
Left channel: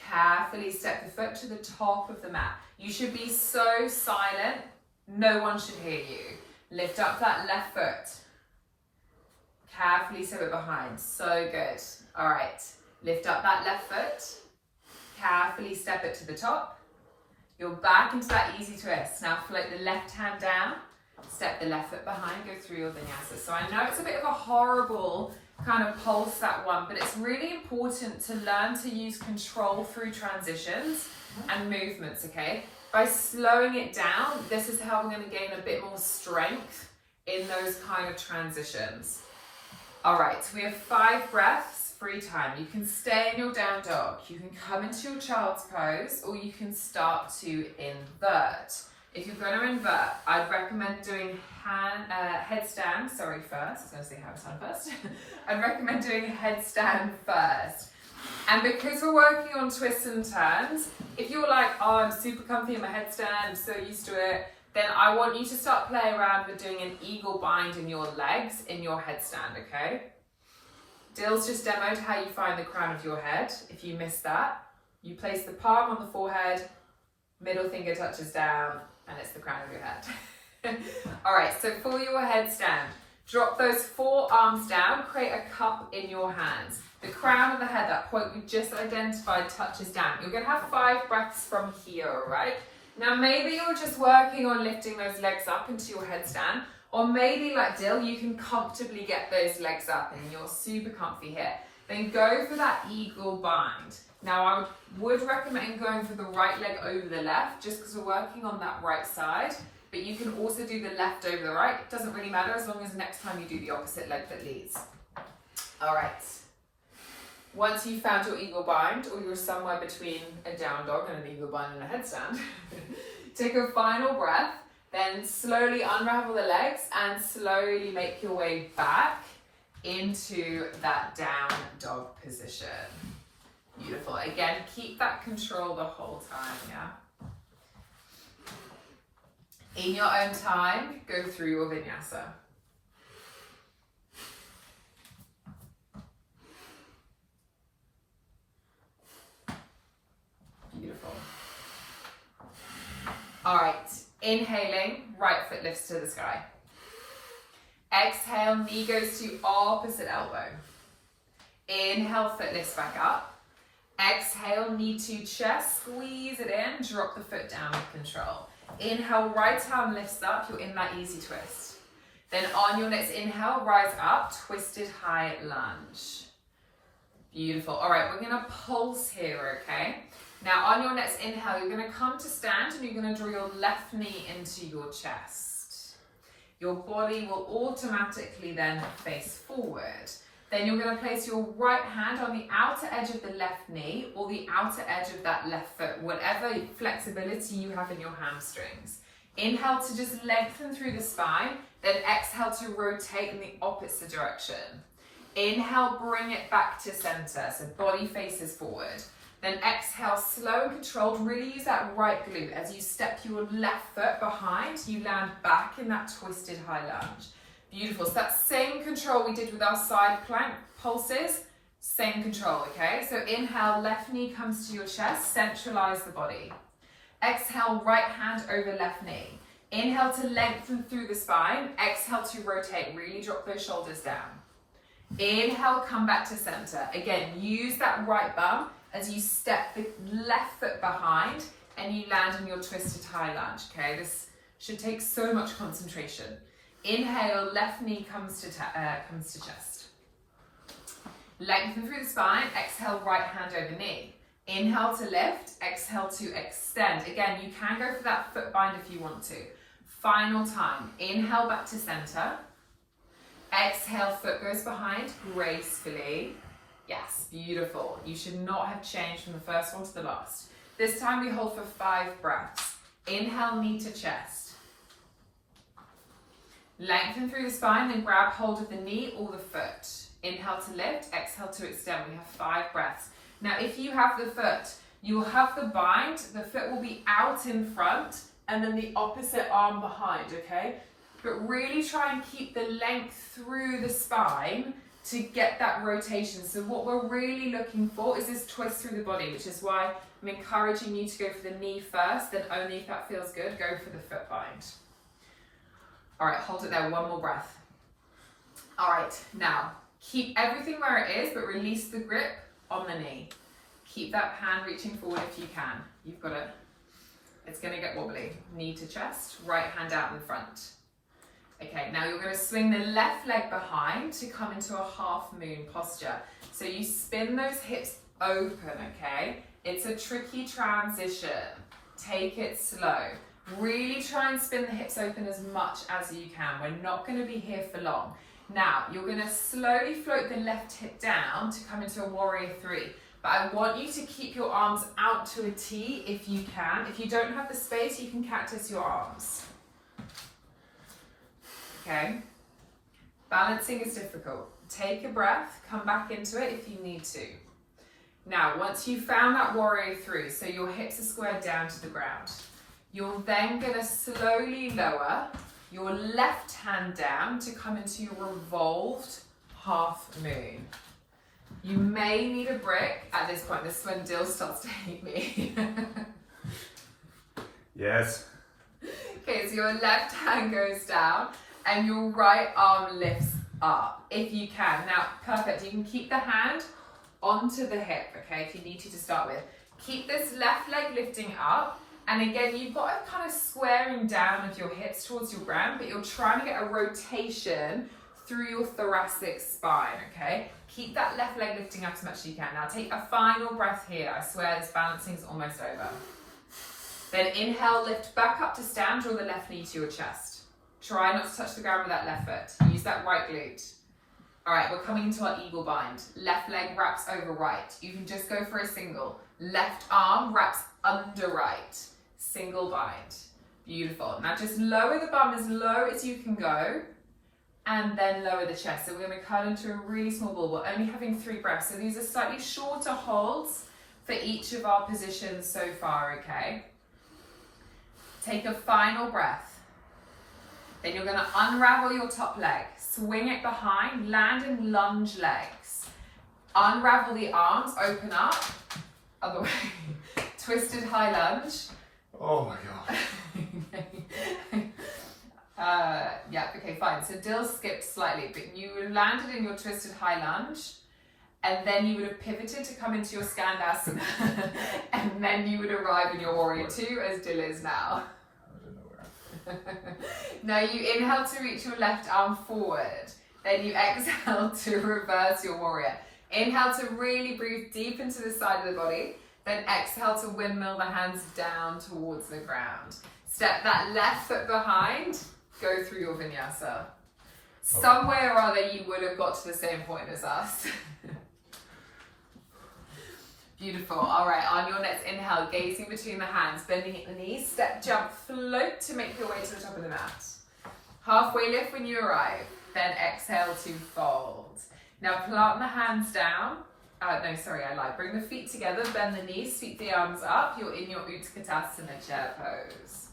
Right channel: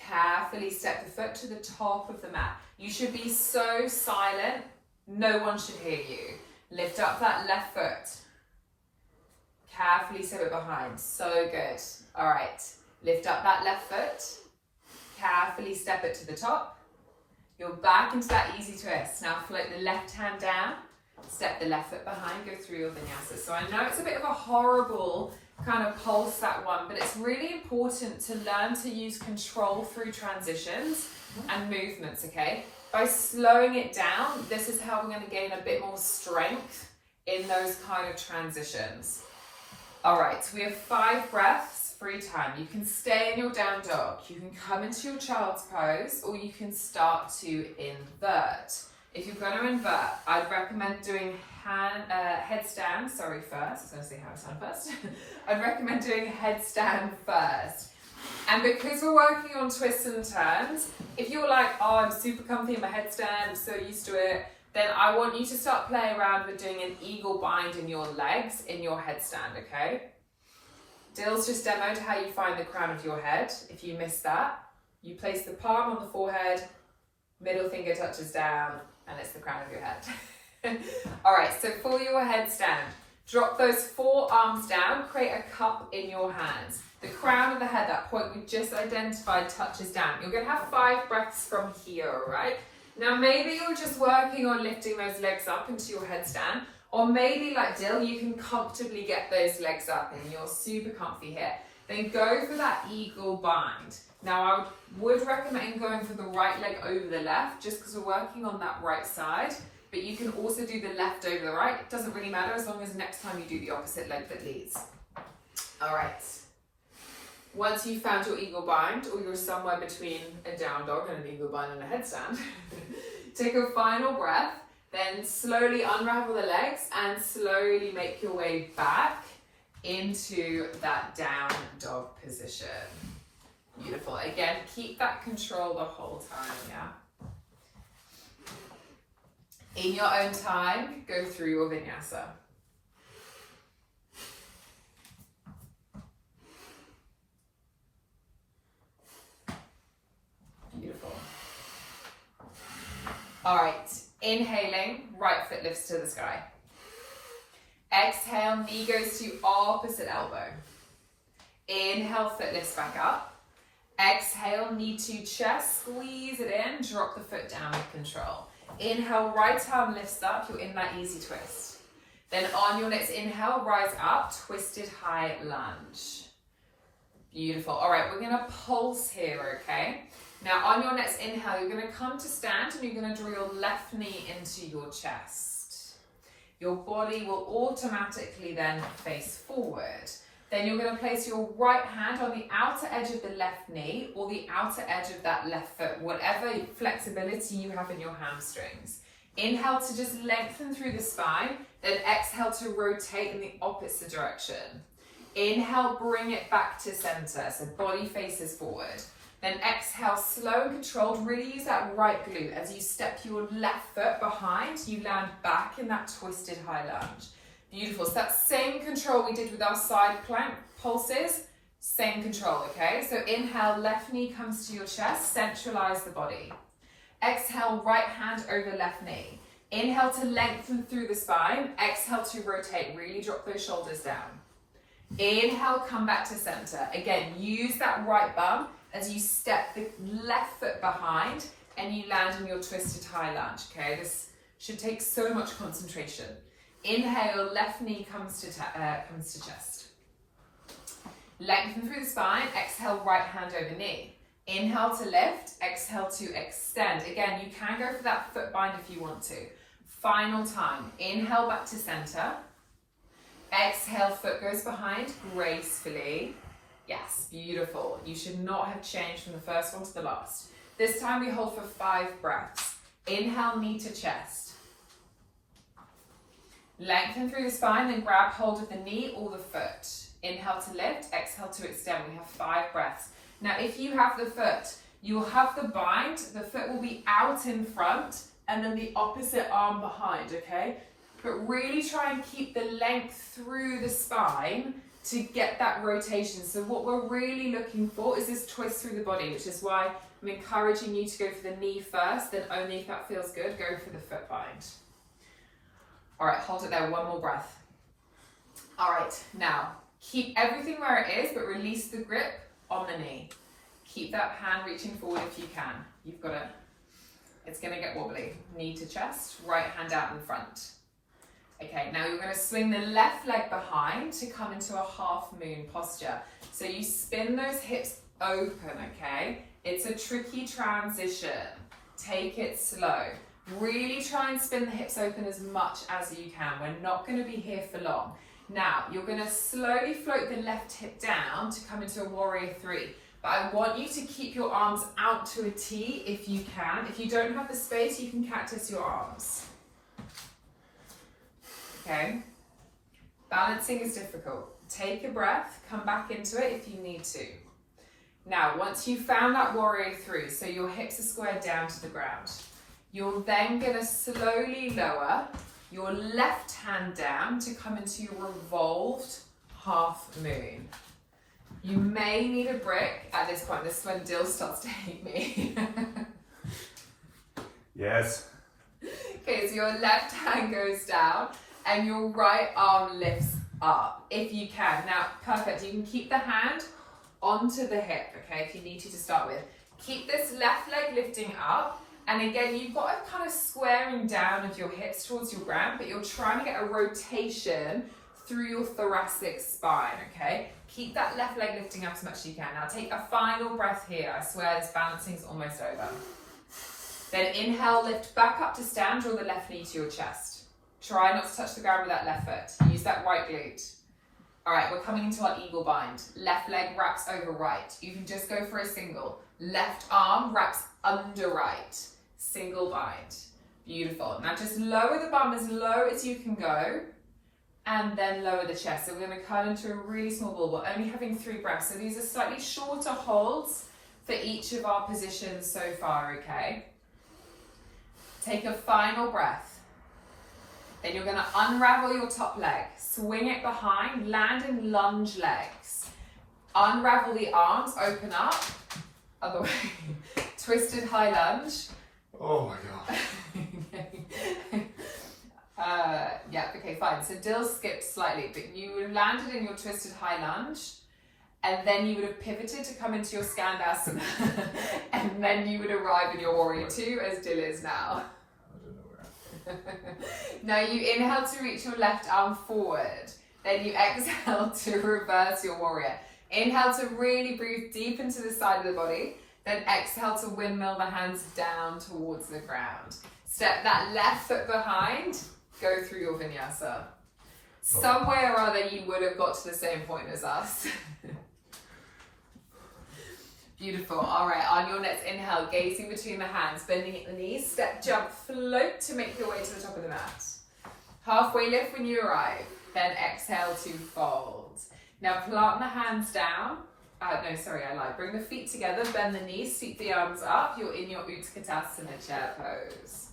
Carefully step the foot to the top of the mat. You should be so silent. No one should hear you. Lift up that left foot. Carefully step it behind. So good. All right. Lift up that left foot. Carefully step it to the top. You're back into that easy twist. Now float the left hand down. Step the left foot behind. Go through your vinyasa. So I know it's a bit of a horrible kind of pulse, that one, but it's really important to learn to use control through transitions and movements, okay? By slowing it down, this is how we're going to gain a bit more strength in those kind of transitions. All right, so we have 5 breaths, free time. You can stay in your down dog, you can come into your child's pose, or you can start to invert. If you're going to invert, I'd recommend doing headstand, first. I was going to say handstand first. I'd recommend doing headstand first. And because we're working on twists and turns, if you're like, oh, I'm super comfy in my headstand, I'm so used to it, then I want you to start playing around with doing an eagle bind in your legs in your headstand, okay? Dill's just demoed how you find the crown of your head. If you missed that, you place the palm on the forehead, middle finger touches down, and it's the crown of your head. All right, so for your headstand, drop those 4 arms down, create a cup in your hands. The crown of the head, that point we just identified, touches down. You're gonna have 5 breaths from here, all right? Now maybe you're just working on lifting those legs up into your headstand, or maybe like Dill, you can comfortably get those legs up and you're super comfy here. Then go for that eagle bind. Now I would recommend going for the right leg over the left, just because we're working on that right side, but you can also do the left over the right. It doesn't really matter as long as next time you do the opposite leg that leads. All right. Once you've found your eagle bind, or you're somewhere between a down dog and an eagle bind and a headstand, take a final breath, then slowly unravel the legs and slowly make your way back into that down dog position. Beautiful. Again, keep that control the whole time, yeah? In your own time, go through your vinyasa. Beautiful. All right, inhaling, right foot lifts to the sky. Exhale, knee goes to opposite elbow. Inhale, foot lifts back up. Exhale, knee to chest, squeeze it in, drop the foot down with control. Inhale, right arm lifts up, you're in that easy twist. Then on your next inhale, rise up, twisted high lunge. Beautiful. All right, we're gonna pulse here, okay? Now on your next inhale, you're gonna come to stand and you're gonna draw your left knee into your chest. Your body will automatically then face forward. Then you're going to place your right hand on the outer edge of the left knee or the outer edge of that left foot, whatever flexibility you have in your hamstrings. Inhale to just lengthen through the spine, then exhale to rotate in the opposite direction. Inhale, bring it back to center, so body faces forward. Then exhale, slow and controlled, really use that right glute. As you step your left foot behind, you land back in that twisted high lunge. Beautiful. So that same control we did with our side plank pulses, same control, okay? So inhale, left knee comes to your chest, centralize the body. Exhale, right hand over left knee. Inhale to lengthen through the spine. Exhale to rotate, really drop those shoulders down. Inhale, come back to center. Again, use that right bum as you step the left foot behind and you land in your twisted high lunge, okay? This should take so much concentration. Inhale, left knee comes to chest. Lengthen through the spine, exhale, right hand over knee. Inhale to lift, exhale to extend. Again, you can go for that foot bind if you want to. Final time, inhale back to center. Exhale, foot goes behind gracefully. Yes, beautiful. You should not have changed from the first one to the last. This time we hold for 5 breaths. Inhale, knee to chest. Lengthen through the spine, then grab hold of the knee or the foot. Inhale to lift, exhale to extend. We have 5 breaths. Now, if you have the foot, you'll have the bind, the foot will be out in front, and then the opposite arm behind, okay? But really try and keep the length through the spine to get that rotation. So what we're really looking for is this twist through the body, which is why I'm encouraging you to go for the knee first, then only if that feels good, go for the foot bind. All right, hold it there, 1 more breath. All right, now keep everything where it is, but release the grip on the knee. Keep that hand reaching forward if you can. You've got it. It's gonna get wobbly. Knee to chest, right hand out in front. Okay, now you're gonna swing the left leg behind to come into a half moon posture. So you spin those hips open, okay? It's a tricky transition. Take it slow. Really try and spin the hips open as much as you can. We're not going to be here for long. Now, you're going to slowly float the left hip down to come into a warrior 3. But I want you to keep your arms out to a T if you can. If you don't have the space, you can cactus your arms. Okay? Balancing is difficult. Take a breath, come back into it if you need to. Now, once you've found that warrior 3, so your hips are squared down to the ground, you're then going to slowly lower your left hand down to come into your revolved half moon. You may need a brick at this point. This is when Dill starts to hate me. Yes. Okay, so your left hand goes down and your right arm lifts up, if you can. Now, perfect. You can keep the hand onto the hip, okay, if you need to start with. Keep this left leg lifting up. And again, you've got a kind of squaring down of your hips towards your ground, but you're trying to get a rotation through your thoracic spine, okay? Keep that left leg lifting up as much as you can. Now take a final breath here. I swear this balancing is almost over. Then inhale, lift back up to stand, draw the left knee to your chest. Try not to touch the ground with that left foot. Use that right glute. All right, we're coming into our eagle bind. Left leg wraps over right. You can just go for a single. Left arm wraps under right. Single bind. Beautiful. Now just lower the bum as low as you can go and then lower the chest. So we're going to curl into a really small ball. We're only having 3 breaths. So these are slightly shorter holds for each of our positions so far, okay? Take a final breath. Then you're going to unravel your top leg. Swing it behind, land in lunge legs. Unravel the arms, open up. Other way. Twisted high lunge. Oh my God. Yeah, okay, fine. So Dill skipped slightly, but you would have landed in your twisted high lunge, and then you would have pivoted to come into your Skandasana, and then you would arrive in your warrior 2 as Dill is now. I don't know where. Now you inhale to reach your left arm forward, then you exhale to reverse your warrior. Inhale to really breathe deep into the side of the body. Then exhale to windmill the hands down towards the ground. Step that left foot behind, go through your vinyasa. Some way or other you would have got to the same point as us. Beautiful. All right, on your next inhale, gazing between the hands, bending at the knees, step, jump, float to make your way to the top of the mat. Halfway lift when you arrive, then exhale to fold. Now plant the hands down. I lied. Bring the feet together, bend the knees, sweep the arms up. You're in your Utkatasana chair pose.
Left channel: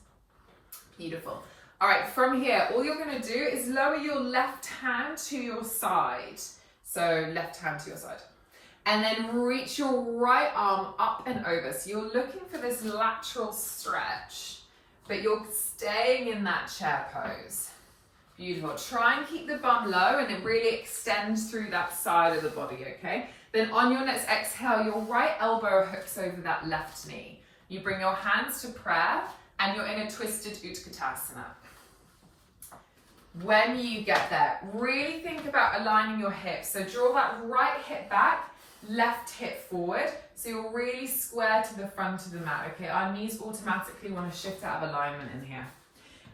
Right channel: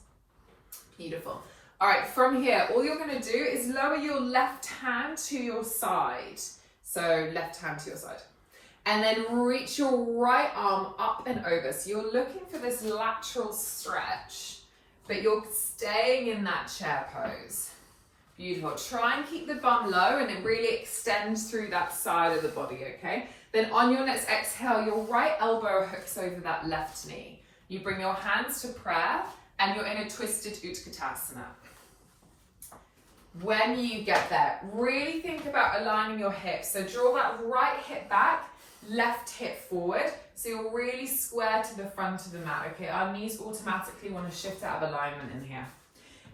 Beautiful. All right, from here, all you're going to do is lower your left hand to your side. So left hand to your side. And then reach your right arm up and over. So you're looking for this lateral stretch, but you're staying in that chair pose. Beautiful. Try and keep the bum low and then really extend through that side of the body, okay? Then on your next exhale, your right elbow hooks over that left knee. You bring your hands to prayer and you're in a twisted Utkatasana. When you get there, really think about aligning your hips. So draw that right hip back, left hip forward. So you're really square to the front of the mat, okay? Our knees automatically want to shift out of alignment in here.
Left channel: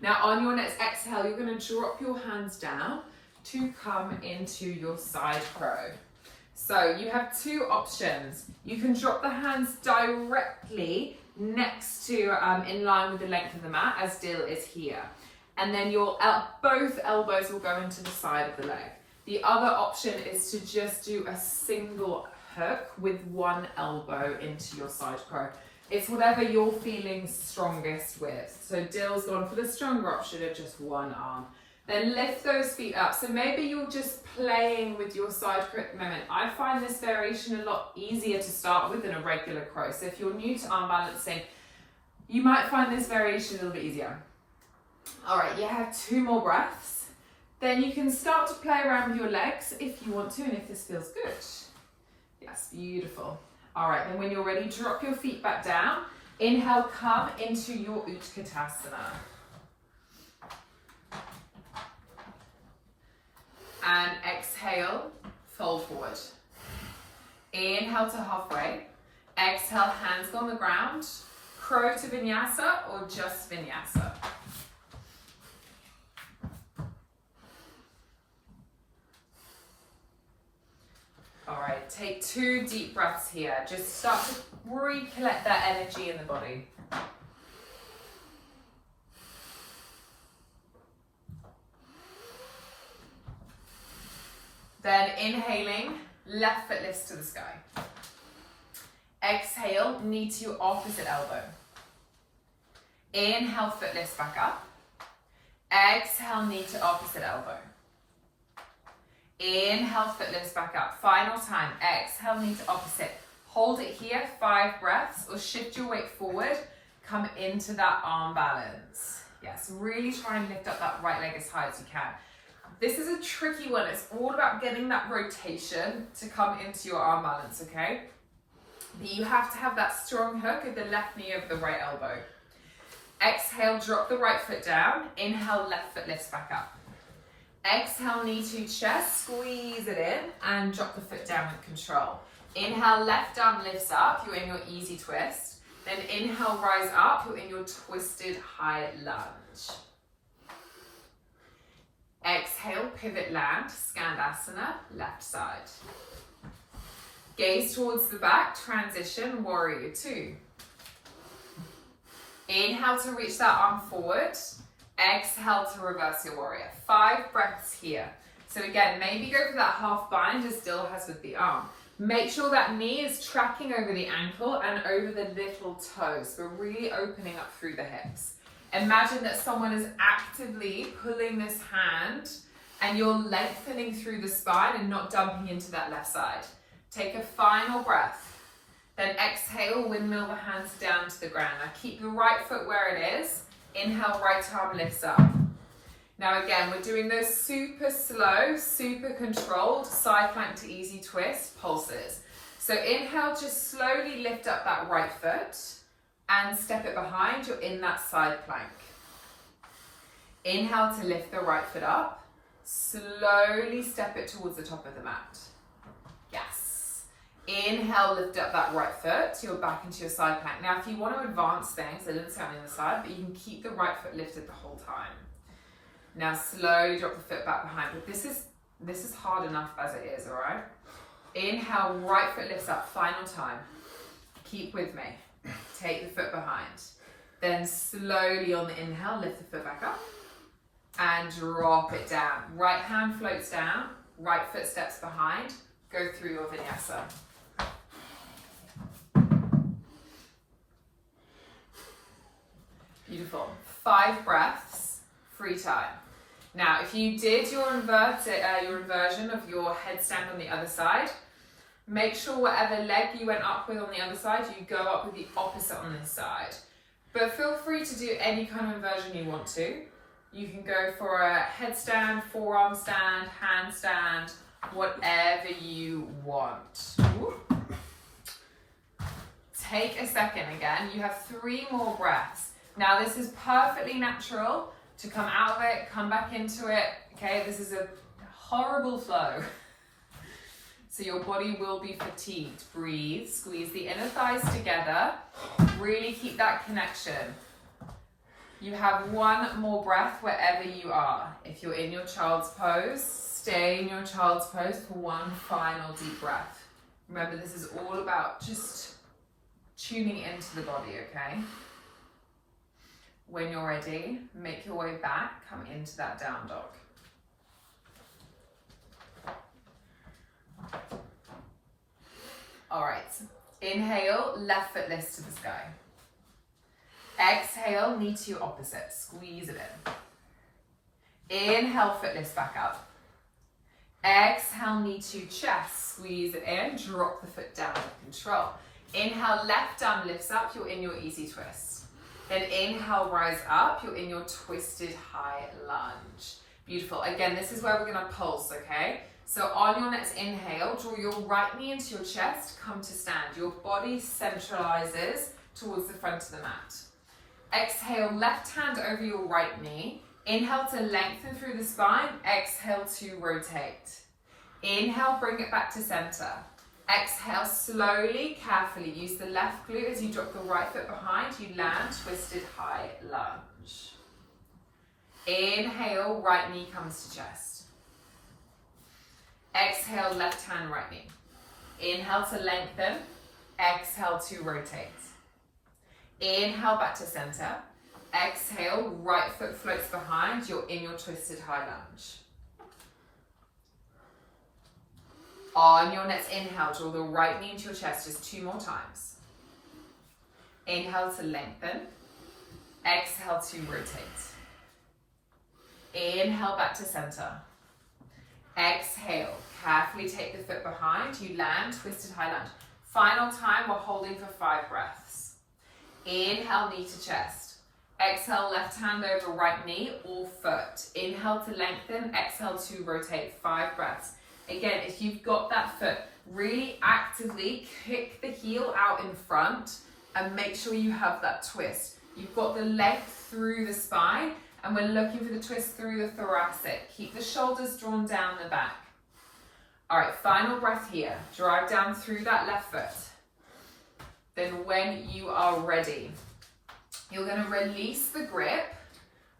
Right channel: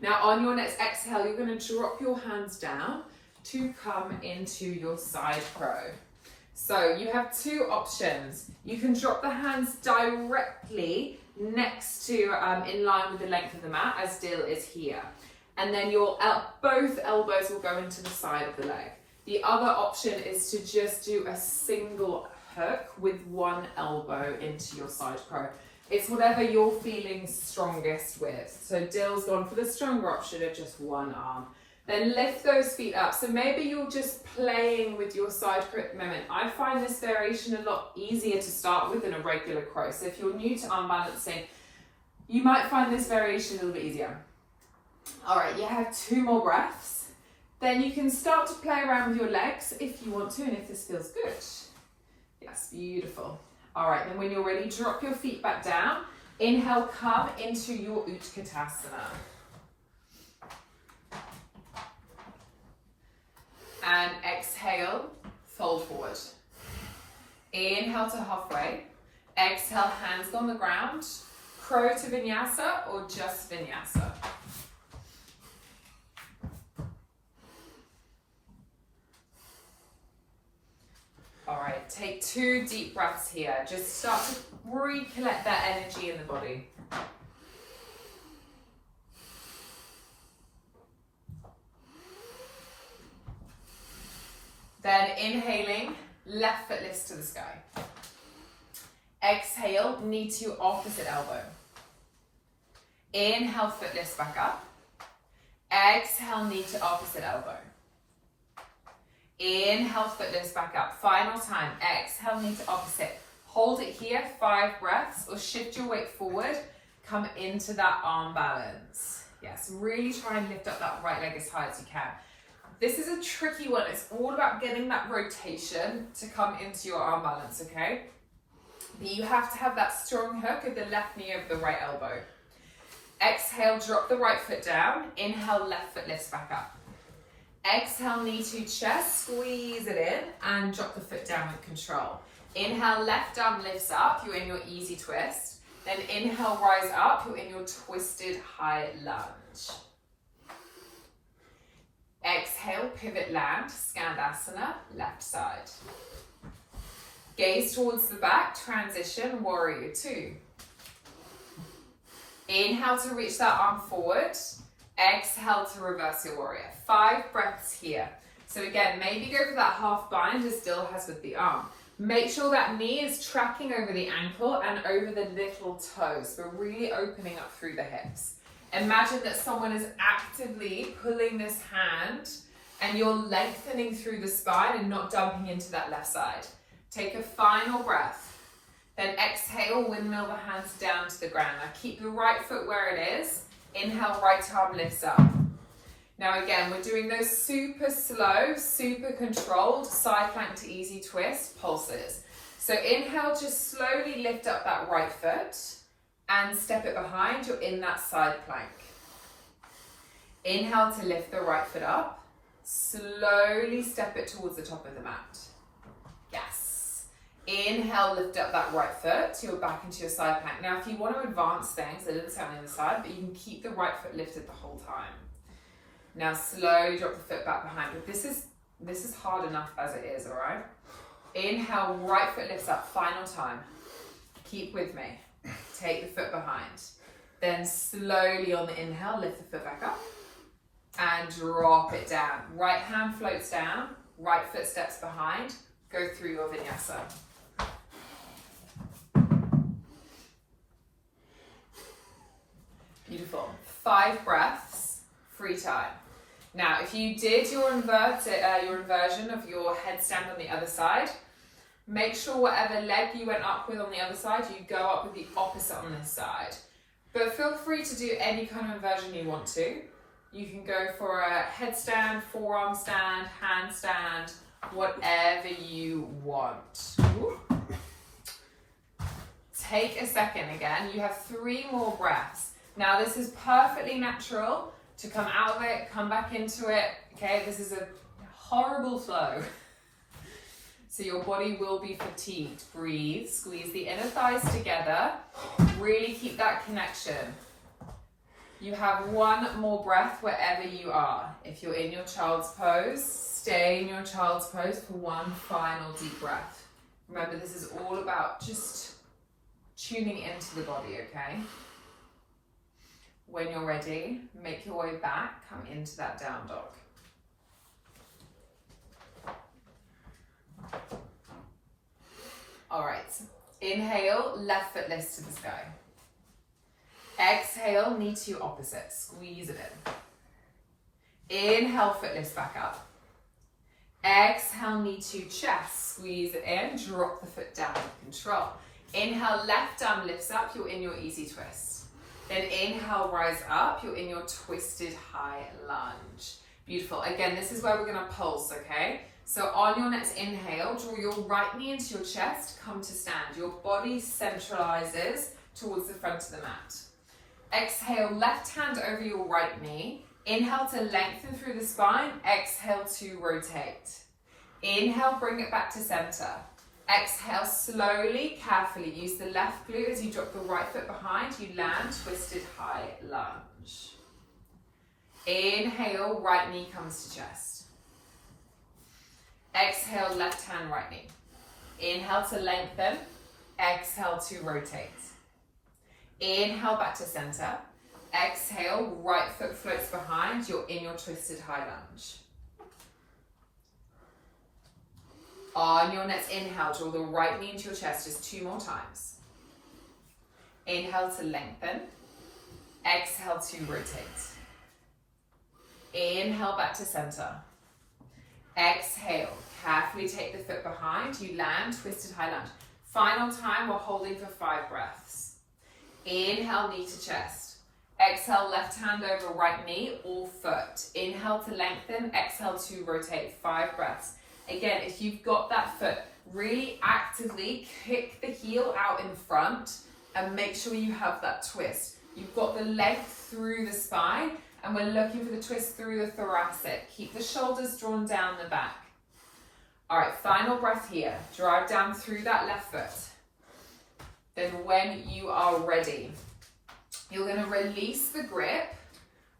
Now on your next exhale, you're going to drop your hands down to come into your side crow. So you have two options. You can drop the hands directly next to, in line with the length of the mat, as Dill is here. And then both elbows will go into the side of the leg. The other option is to just do a single hook with one elbow into your side crow. It's whatever you're feeling strongest with. So Dill's gone for the stronger option of just one arm. Then lift those feet up. So maybe you're just playing with your side crow at the moment. I find this variation a lot easier to start with than a regular crow. So if you're new to arm balancing, you might find this variation a little bit easier. All right, you have 2 more breaths. Then you can start to play around with your legs if you want to and if this feels good. Yes, beautiful. All right, then when you're ready, drop your feet back down. Inhale, come into your Utkatasana. And exhale, fold forward. Inhale to halfway. Exhale, hands go on the ground. Crow to vinyasa or just vinyasa. All right, take 2 deep breaths here. Just start to recollect that energy in the body. Then inhaling, left foot lifts to the sky. Exhale, knee to opposite elbow. Inhale, foot lifts back up. Exhale, knee to opposite elbow. Inhale, foot lifts back up. Final time. Exhale, knee to opposite. Hold it here, 5 breaths, or shift your weight forward. Come into that arm balance. Yes, really try and lift up that right leg as high as you can. This is a tricky one. It's all about getting that rotation to come into your arm balance, okay? But you have to have that strong hook of the left knee over the right elbow. Exhale, drop the right foot down. Inhale, left foot lifts back up. Exhale, knee to chest, squeeze it in and drop the foot down with control. Inhale, left arm lifts up, you're in your easy twist. Then inhale, rise up, you're in your twisted high lunge. Exhale, pivot land, Skandasana, left side. Gaze towards the back, transition, warrior 2. Inhale to reach that arm forward. Exhale to reverse your warrior. 5 breaths here. So again, maybe go for that half bind as Dill has with the arm. Make sure that knee is tracking over the ankle and over the little toes. We're really opening up through the hips. Imagine that someone is actively pulling this hand and you're lengthening through the spine and not dumping into that left side. Take a final breath. Then exhale, windmill the hands down to the ground. Now keep your right foot where it is. Inhale, right arm lifts up. Now again, we're doing those super slow, super controlled side plank to easy twist pulses. So inhale, just slowly lift up that right foot and step it behind. You're in that side plank. Inhale to lift the right foot up. Slowly step it towards the top of the mat. Yes. Inhale, lift up that right foot. You're back into your side plank. Now, if you want to advance things, I didn't say on the other side, but you can keep the right foot lifted the whole time. Now, slowly drop the foot back behind. But this is hard enough as it is, all right? Inhale, right foot lifts up. Final time. Keep with me. Take the foot behind. Then slowly on the inhale, lift the foot back up and drop it down. Right hand floats down, right foot steps behind. Go through your vinyasa. Beautiful. 5 breaths, free time. Now, if you did your inversion of your headstand on the other side, make sure whatever leg you went up with on the other side, you go up with the opposite on this side. But feel free to do any kind of inversion you want to. You can go for a headstand, forearm stand, handstand, whatever you want. Ooh. Take a second again. You have 3 more breaths. Now, this is perfectly natural to come out of it, come back into it. Okay, this is a horrible flow. So your body will be fatigued. Breathe, squeeze the inner thighs together. Really keep that connection. You have one more breath wherever you are. If you're in your child's pose, stay in your child's pose for one final deep breath. Remember, this is all about just tuning into the body, okay? When you're ready, make your way back, come into that down dog. All right, inhale, left foot lifts to the sky. Exhale, knee to your opposite, squeeze it in. Inhale, foot lifts back up. Exhale, knee to chest, squeeze it in, drop the foot down, control. Inhale, left arm lifts up, you're in your easy twist. Then inhale, rise up, you're in your twisted high lunge. Beautiful. Again, this is where we're gonna pulse, okay? So on your next inhale, draw your right knee into your chest, come to stand. Your body centralizes towards the front of the mat. Exhale, left hand over your right knee. Inhale to lengthen through the spine. Exhale to rotate. Inhale, bring it back to center. Exhale, slowly, carefully. Use the left glute as you drop the right foot behind. You land, twisted high lunge. Inhale, right knee comes to chest. Exhale, left hand, right knee. Inhale to lengthen. Exhale to rotate. Inhale back to center. Exhale, right foot floats behind. You're in your twisted high lunge. On your next inhale, draw the right knee into your chest just 2 more times. Inhale to lengthen. Exhale to rotate. Inhale back to center. Exhale, carefully take the foot behind. You land, twisted high lunge. Final time, we're holding for 5 breaths. Inhale, knee to chest. Exhale, left hand over right knee or foot. Inhale to lengthen, exhale to rotate. 5 breaths. Again, if you've got that foot, really actively kick the heel out in front and make sure you have that twist. You've got the length through the spine and we're looking for the twist through the thoracic. Keep the shoulders drawn down the back. All right, final breath here. Drive down through that left foot. Then when you are ready, you're going to release the grip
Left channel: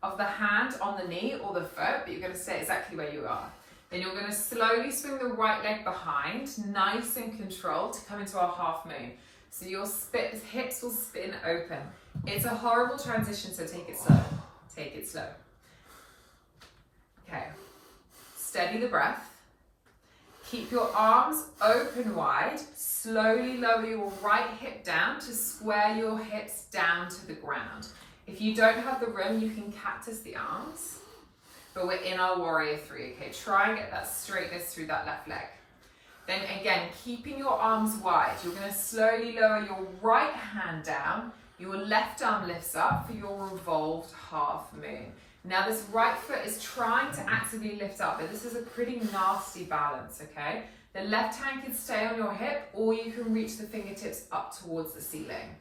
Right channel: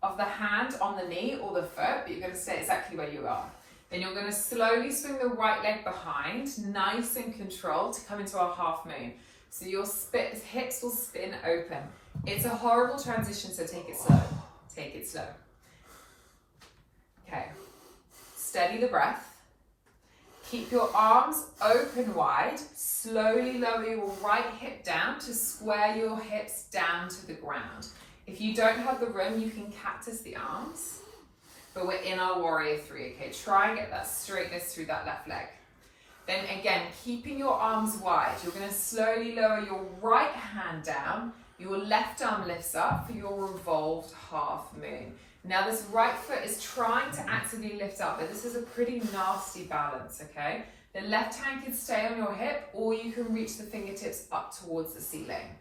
of the hand on the knee or the foot, but you're going to stay exactly where you are. Then you're going to slowly swing the right leg behind, nice and controlled, to come into our half moon. So your hips will spin open. It's a horrible transition, so take it slow. Take it slow. Okay. Steady the breath. Keep your arms open wide. Slowly lower your right hip down to square your hips down to the ground. If you don't have the room, you can cactus the arms. But we're in our warrior 3, okay? Try and get that straightness through that left leg. Then again, keeping your arms wide, you're gonna slowly lower your right hand down, your left arm lifts up for your revolved half moon. Now this right foot is trying to actively lift up, but this is a pretty nasty balance, okay? The left hand can stay on your hip or you can reach the fingertips up towards the ceiling.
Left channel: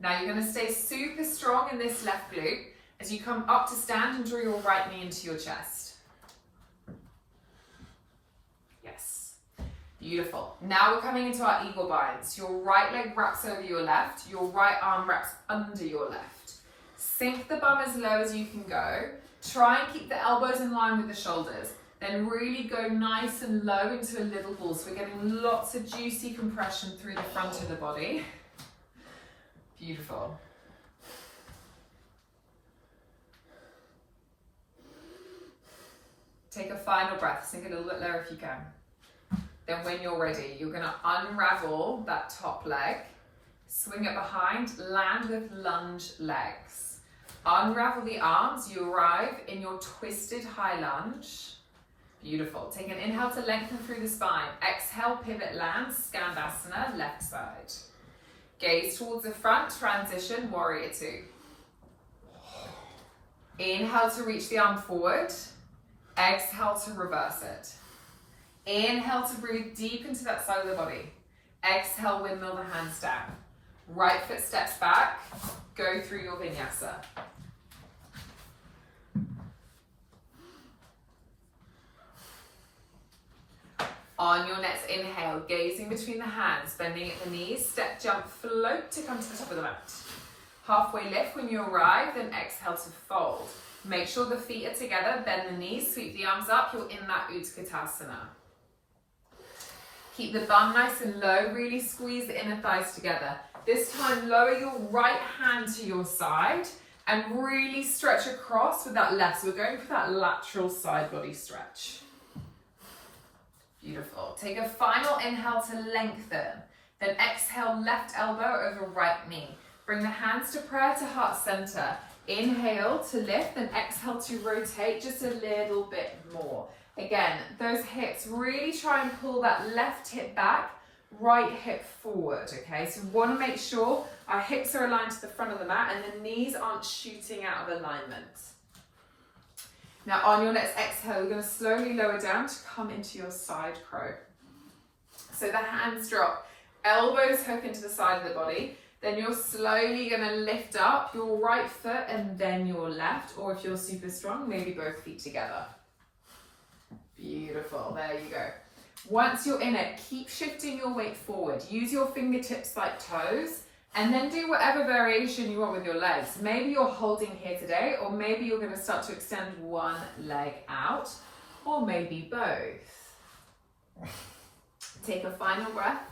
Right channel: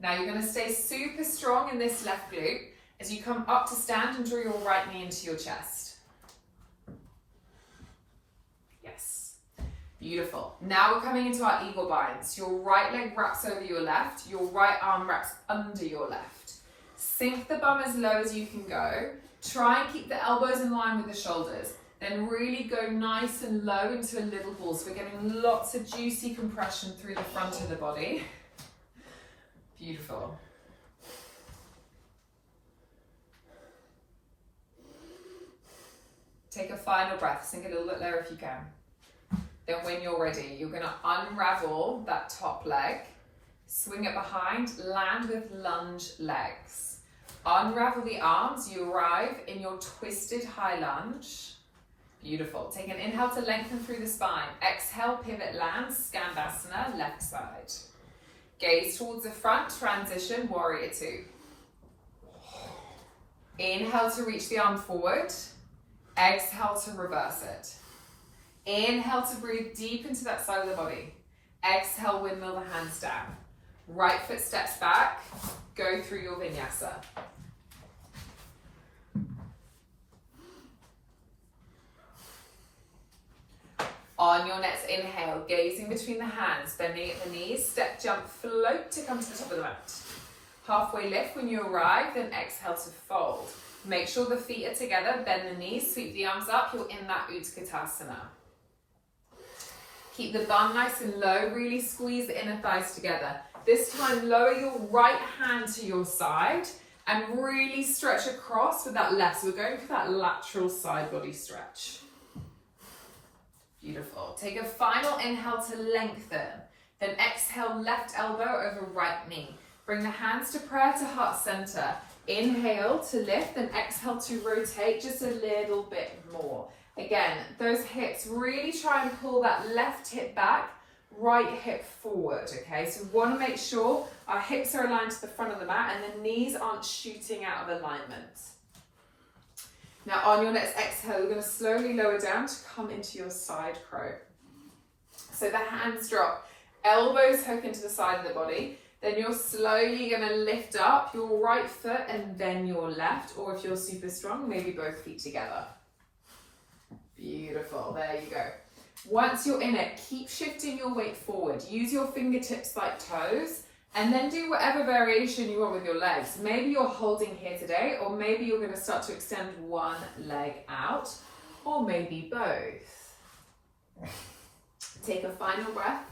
Now you're gonna stay super strong in this left glute as you come up to stand and draw your right knee into your chest. Yes, beautiful. Now we're coming into our eagle binds. Your right leg wraps over your left, your right arm wraps under your left. Sink the bum as low as you can go. Try and keep the elbows in line with the shoulders. Then really go nice and low into a little ball. So we're getting lots of juicy compression through the front of the body. Beautiful. Take a final breath, sink a little bit lower if you can. Then when you're ready, you're gonna unravel that top leg, swing it behind, land with lunge legs. Unravel the arms, you arrive in your twisted high lunge. Beautiful. Take an inhale to lengthen through the spine. Exhale, pivot, land, Skandasana, left side. Gaze towards the front, transition, warrior 2. Inhale to reach the arm forward. Exhale to reverse it. Inhale to breathe deep into that side of the body. Exhale, windmill the hands down. Right foot steps back. Go through your vinyasa. On your next inhale, gazing between the hands, bending at the knees, step, jump, float to come to the top of the mat. Halfway lift when you arrive, then exhale to fold. Make sure the feet are together, bend the knees, sweep the arms up, you're in that Utkatasana. Keep the bum nice and low, really squeeze the inner thighs together. This time, lower your right hand to your side and really stretch across with that left. So we're going for that lateral side body stretch. Beautiful. Take a final inhale to lengthen. Then exhale, left elbow over right knee. Bring the hands to prayer to heart center. Inhale to lift, then exhale to rotate just a little bit more. Again, those hips, really try and pull that left hip back, right hip forward, okay? So we want to make sure our hips are aligned to the front of the mat and the knees aren't shooting out of alignment. Now on your next exhale, we're going to slowly lower down to come into your side crow. So the hands drop, elbows hook into the side of the body. Then you're slowly going to lift up your right foot and then your left, or if you're super strong, maybe both feet together. Beautiful, there you go. Once you're in it, keep shifting your weight forward. Use your fingertips like toes, and then do whatever variation you want with your legs. Maybe you're holding here today, or maybe you're going to start to extend one leg out, or maybe both. Take a final breath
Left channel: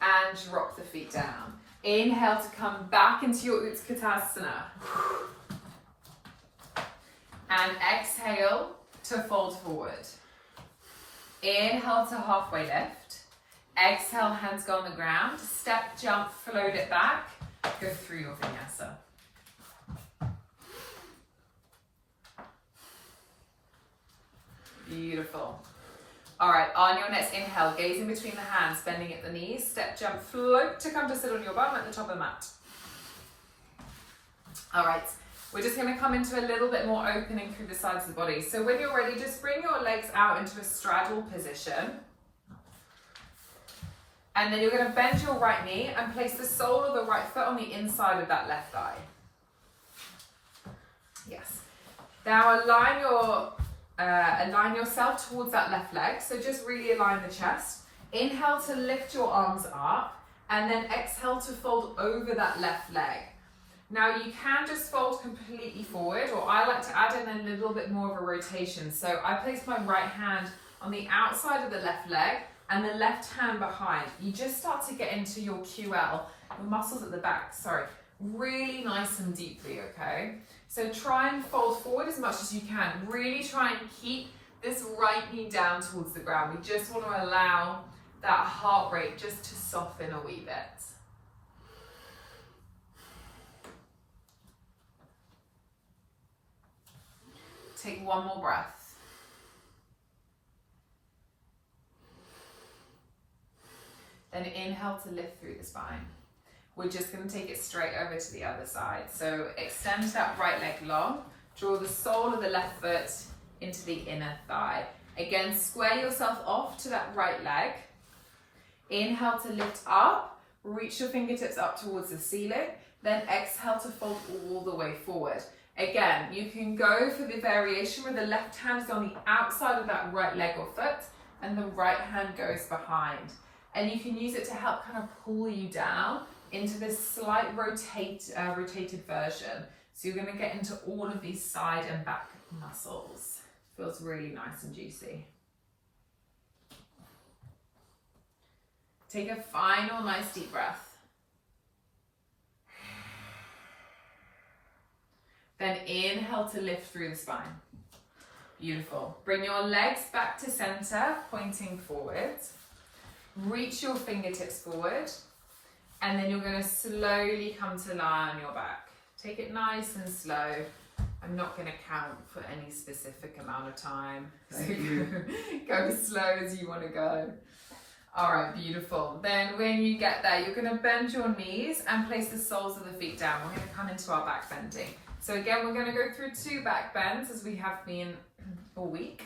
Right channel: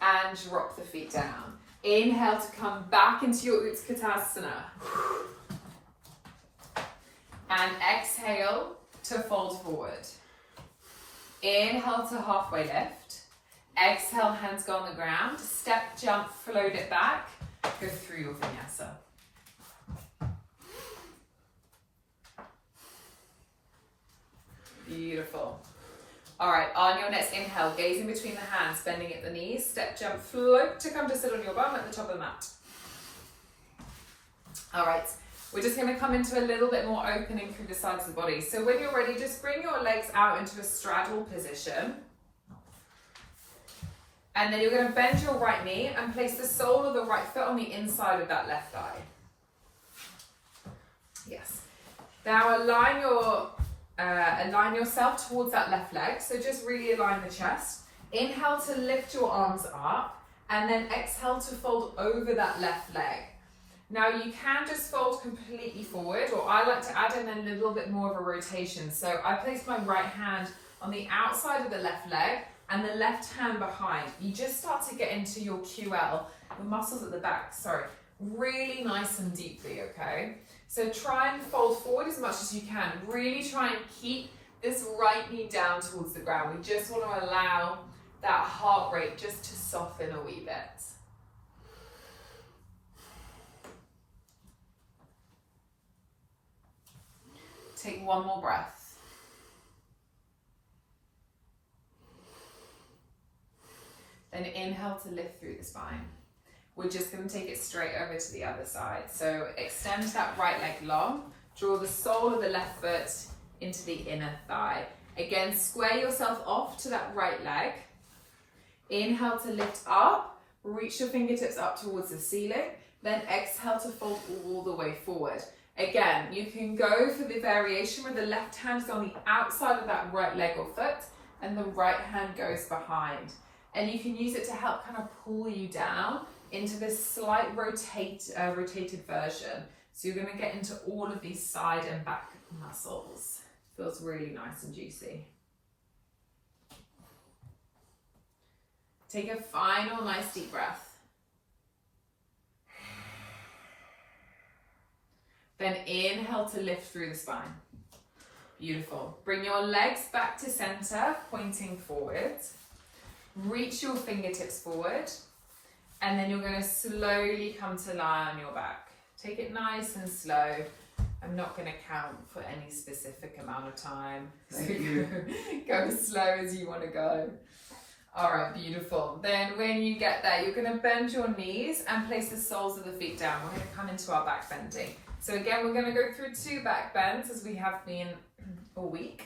and drop the feet down. Inhale to come back into your Utkatasana. And exhale to fold forward. Inhale to halfway lift. Exhale, hands go on the ground. Step, jump, float it back. Go through your vinyasa. Beautiful. All right, on your next inhale, gaze in between the hands, bending at the knees, step, jump, float to come to sit on your bum at the top of the mat. All right, we're just gonna come into a little bit more opening through the sides of the body. So when you're ready, just bring your legs out into a straddle position. And then you're gonna bend your right knee and place the sole of the right foot on the inside of that left thigh. Yes. Now align yourself towards that left leg. So just really align the chest. Inhale to lift your arms up, and then exhale to fold over that left leg. Now you can just fold completely forward, or I like to add in a little bit more of a rotation. So I place my right hand on the outside of the left leg and the left hand behind. You just start to get into your QL, the muscles at the back, really nice and deeply, okay? So try and fold forward as much as you can. Really try and keep this right knee down towards the ground. We just want to allow that heart rate just to soften a wee bit. Take one more breath. Then inhale to lift through the spine. We're just going to take it straight over to the other side. So extend that right leg long. Draw the sole of the left foot into the inner thigh. Again, square yourself off to that right leg. Inhale to lift up. Reach your fingertips up towards the ceiling. Then exhale to fold all the way forward. Again, you can go for the variation where the left hand is on the outside of that right leg or foot and the right hand goes behind. And you can use it to help kind of pull you down into this slight rotated version. So you're going to get into all of these side and back muscles. Feels really nice and juicy. Take a final nice deep breath. Then inhale to lift through the spine. Beautiful. Bring your legs back to center, pointing forward. Reach your fingertips forward. And then you're going to slowly come to lie on your back. Take it nice and slow. I'm not going to count for any specific amount of time. Thank you. Go as slow as you want to go. All right, beautiful. Then when you get there, you're going to bend your knees and place the soles of the feet down. We're going to come into our back bending. So again, we're going to go through 2 back bends as we have been all week.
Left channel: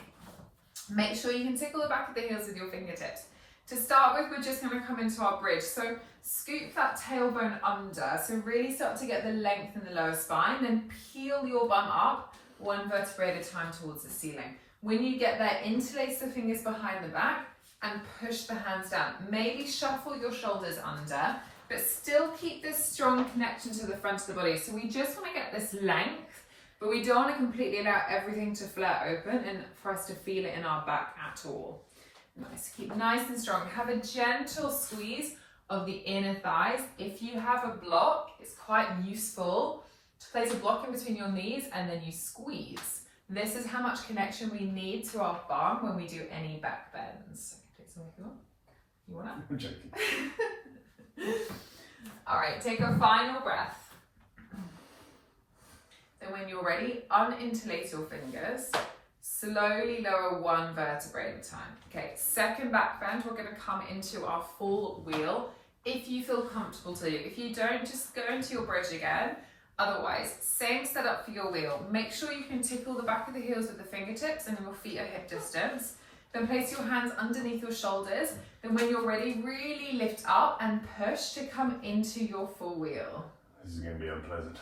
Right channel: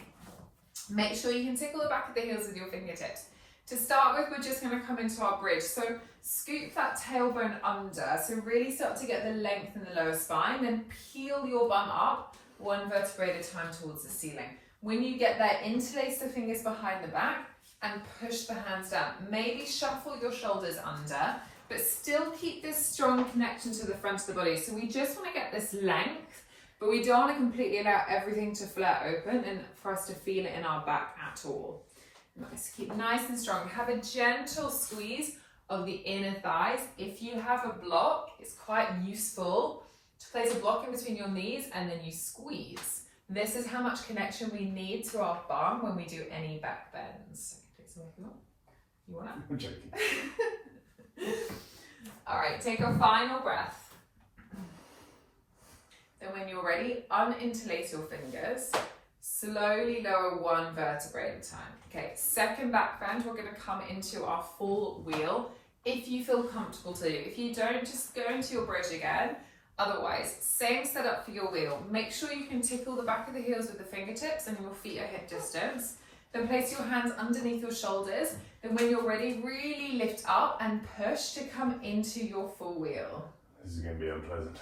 Make sure you can tickle the back of the heels with your fingertips. To start with, we're just going to come into our bridge. So scoop that tailbone under. So really start to get the length in the lower spine. Then peel your bum up, 1 vertebrae at a time towards the ceiling. When you get there, interlace the fingers behind the back and push the hands down. Maybe shuffle your shoulders under but still keep this strong connection to the front of the body. So we just want to get this length, but we don't want to completely allow everything to flare open and for us to feel it in our back at all. Nice, keep nice and strong. Have a gentle squeeze of the inner thighs. If you have a block, it's quite useful to place a block in between your knees and then you squeeze. This is how much connection we need to our bum when we do any back bends. Take some if you want. I'm joking. All right, take a final breath. Then when you're ready, uninterlace your fingers. Slowly lower one vertebrae at a time. Okay, second back bend, we're going to come into our full wheel. If you feel comfortable to. If you don't, just go into your bridge again. Otherwise, same setup for your wheel. Make sure you can tickle the back of the heels with the fingertips and your feet are hip distance. Then place your hands underneath your shoulders. Then when you're ready, really lift up and push to come into your full wheel. This is going to be unpleasant.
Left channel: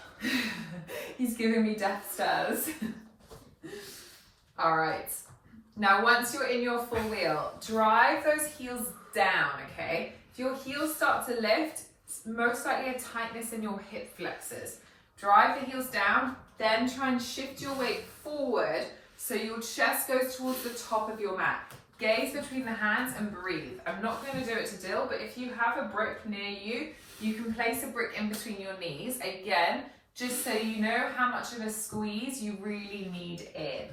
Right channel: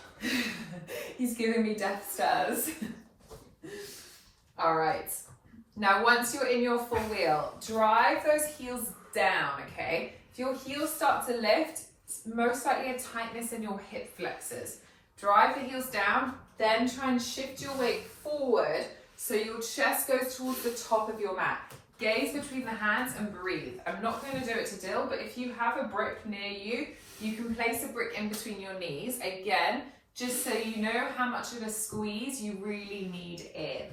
He's giving me death stares. All right. Now, once you're in your full wheel, drive those heels down, okay? If your heels start to lift, it's most likely a tightness in your hip flexors. Drive the heels down, then try and shift your weight forward so your chest goes towards the top of your mat. Gaze between the hands and breathe. I'm not going to do it to Dill, but if you have a brick near you, you can place a brick in between your knees. Again, just so you know how much of a squeeze you really need in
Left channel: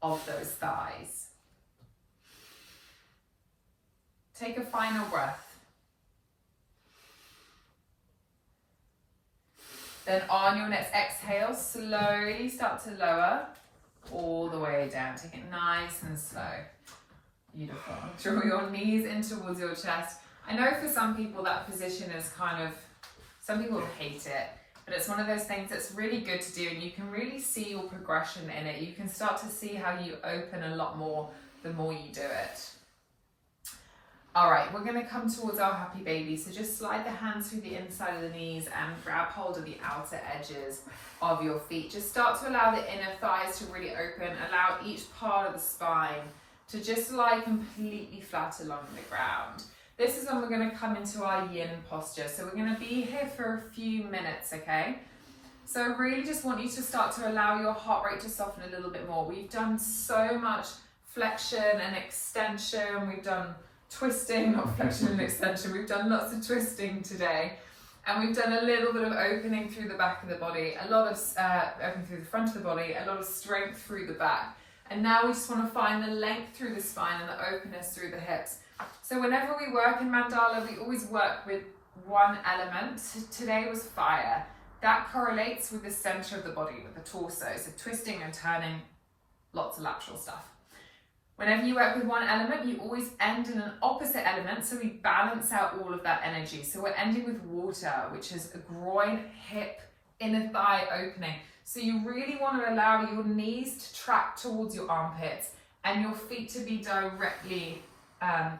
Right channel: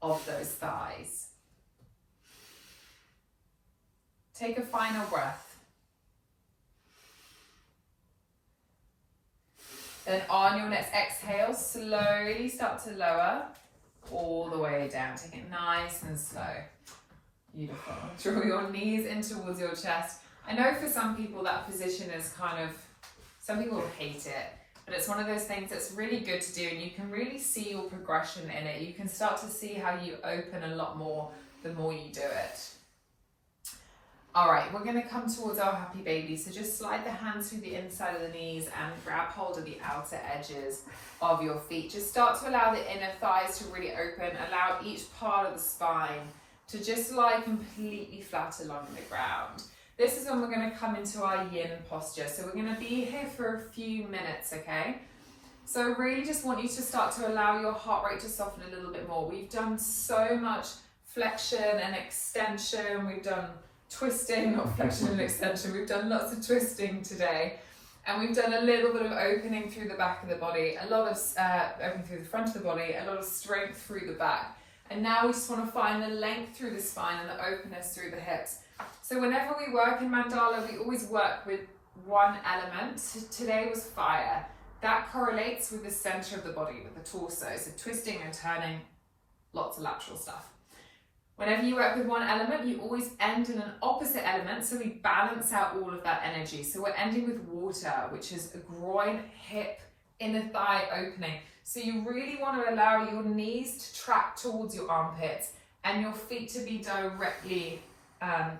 of those thighs. Take a final breath. Then on your next exhale, slowly start to lower all the way down. Take it nice and slow. Beautiful. Draw your knees in towards your chest. I know for some people that position is kind of, some people hate it, but it's one of those things that's really good to do and you can really see your progression in it. You can start to see how you open a lot more the more you do it. All right, we're going to come towards our happy baby. So just slide the hands through the inside of the knees and grab hold of the outer edges of your feet. Just start to allow the inner thighs to really open. Allow each part of the spine to just lie completely flat along the ground. This is when we're going to come into our yin posture. So we're going to be here for a few minutes, okay? So I really just want you to start to allow your heart rate to soften a little bit more. We've done so much flexion and extension. We've done twisting, not flexion and extension. We've done lots of twisting today. And we've done a little bit of opening through the back of the body, a lot of opening through the front of the body, a lot of strength through the back. And now we just want to find the length through the spine and the openness through the hips. So whenever we work in Mandala, we always work with one element. Today was fire. That correlates with the center of the body, with the torso. So twisting and turning, lots of lateral stuff. Whenever you work with one element, you always end in an opposite element, so we balance out all of that energy. So we're ending with water, which is a groin, hip, inner thigh opening. So you really want to allow your knees to track towards your armpits and your feet to be directly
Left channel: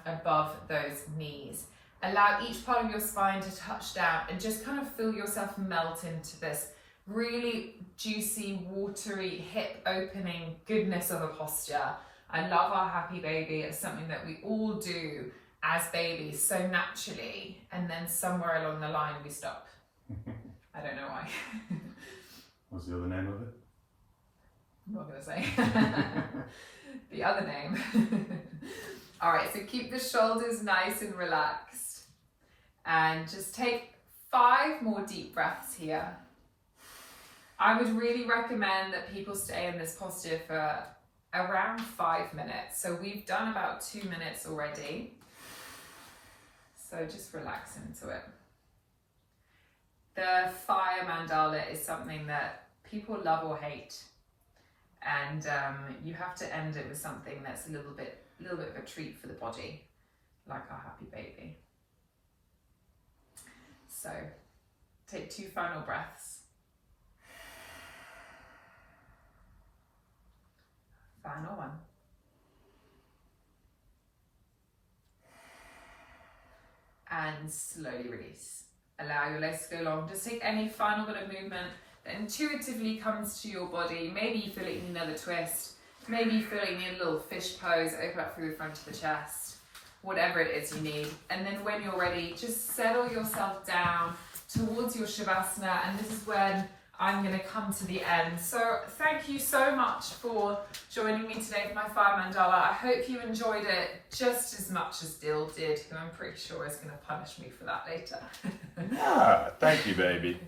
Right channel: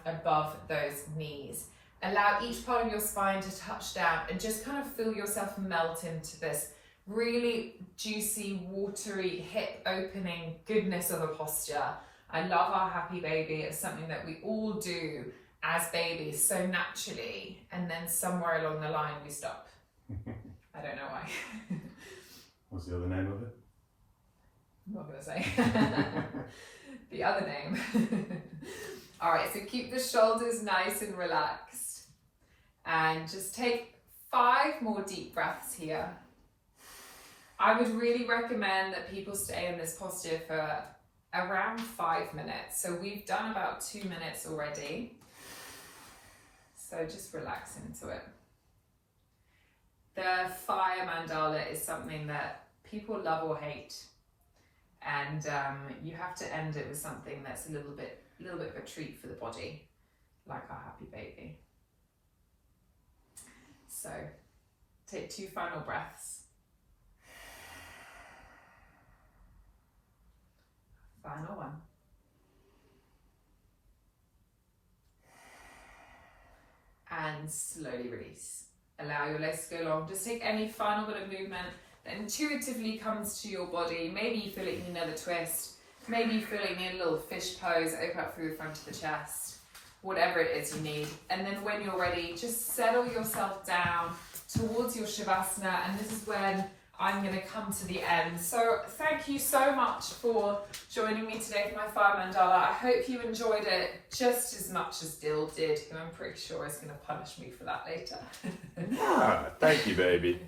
above those knees. Allow each part of your spine to touch down and just kind of feel yourself melt into this really juicy, watery, hip opening goodness of a posture. I love our happy baby. It's something that we all do as babies so naturally, and then somewhere along the line we stop. I don't know why. What's the other name of it? I'm not going to say. The other name. All right, so keep the shoulders nice and relaxed. And just take 5 more deep breaths here. I would really recommend that people stay in this posture for around 5 minutes. So we've done about 2 minutes already. So just relax into it. The fire mandala is something that people love or hate. And you have to end it with something that's a little bit of a treat for the body, like our happy baby. So take 2 final breaths. Final one. And slowly release. Allow your legs to go long. Just take any final bit of movement that intuitively comes to your body. Maybe you feel like you need another twist. Maybe you feel like you need a little fish pose. Open up through the front of the chest. whatever it is you need. And then when you're ready, just settle yourself down towards your Shavasana, and this is when I'm going to come to the end. So thank you so much for joining me today for my fire mandala. I hope you enjoyed it just as much as Dill did, who I'm pretty sure is going to punish me for that later. Ah, thank you, baby.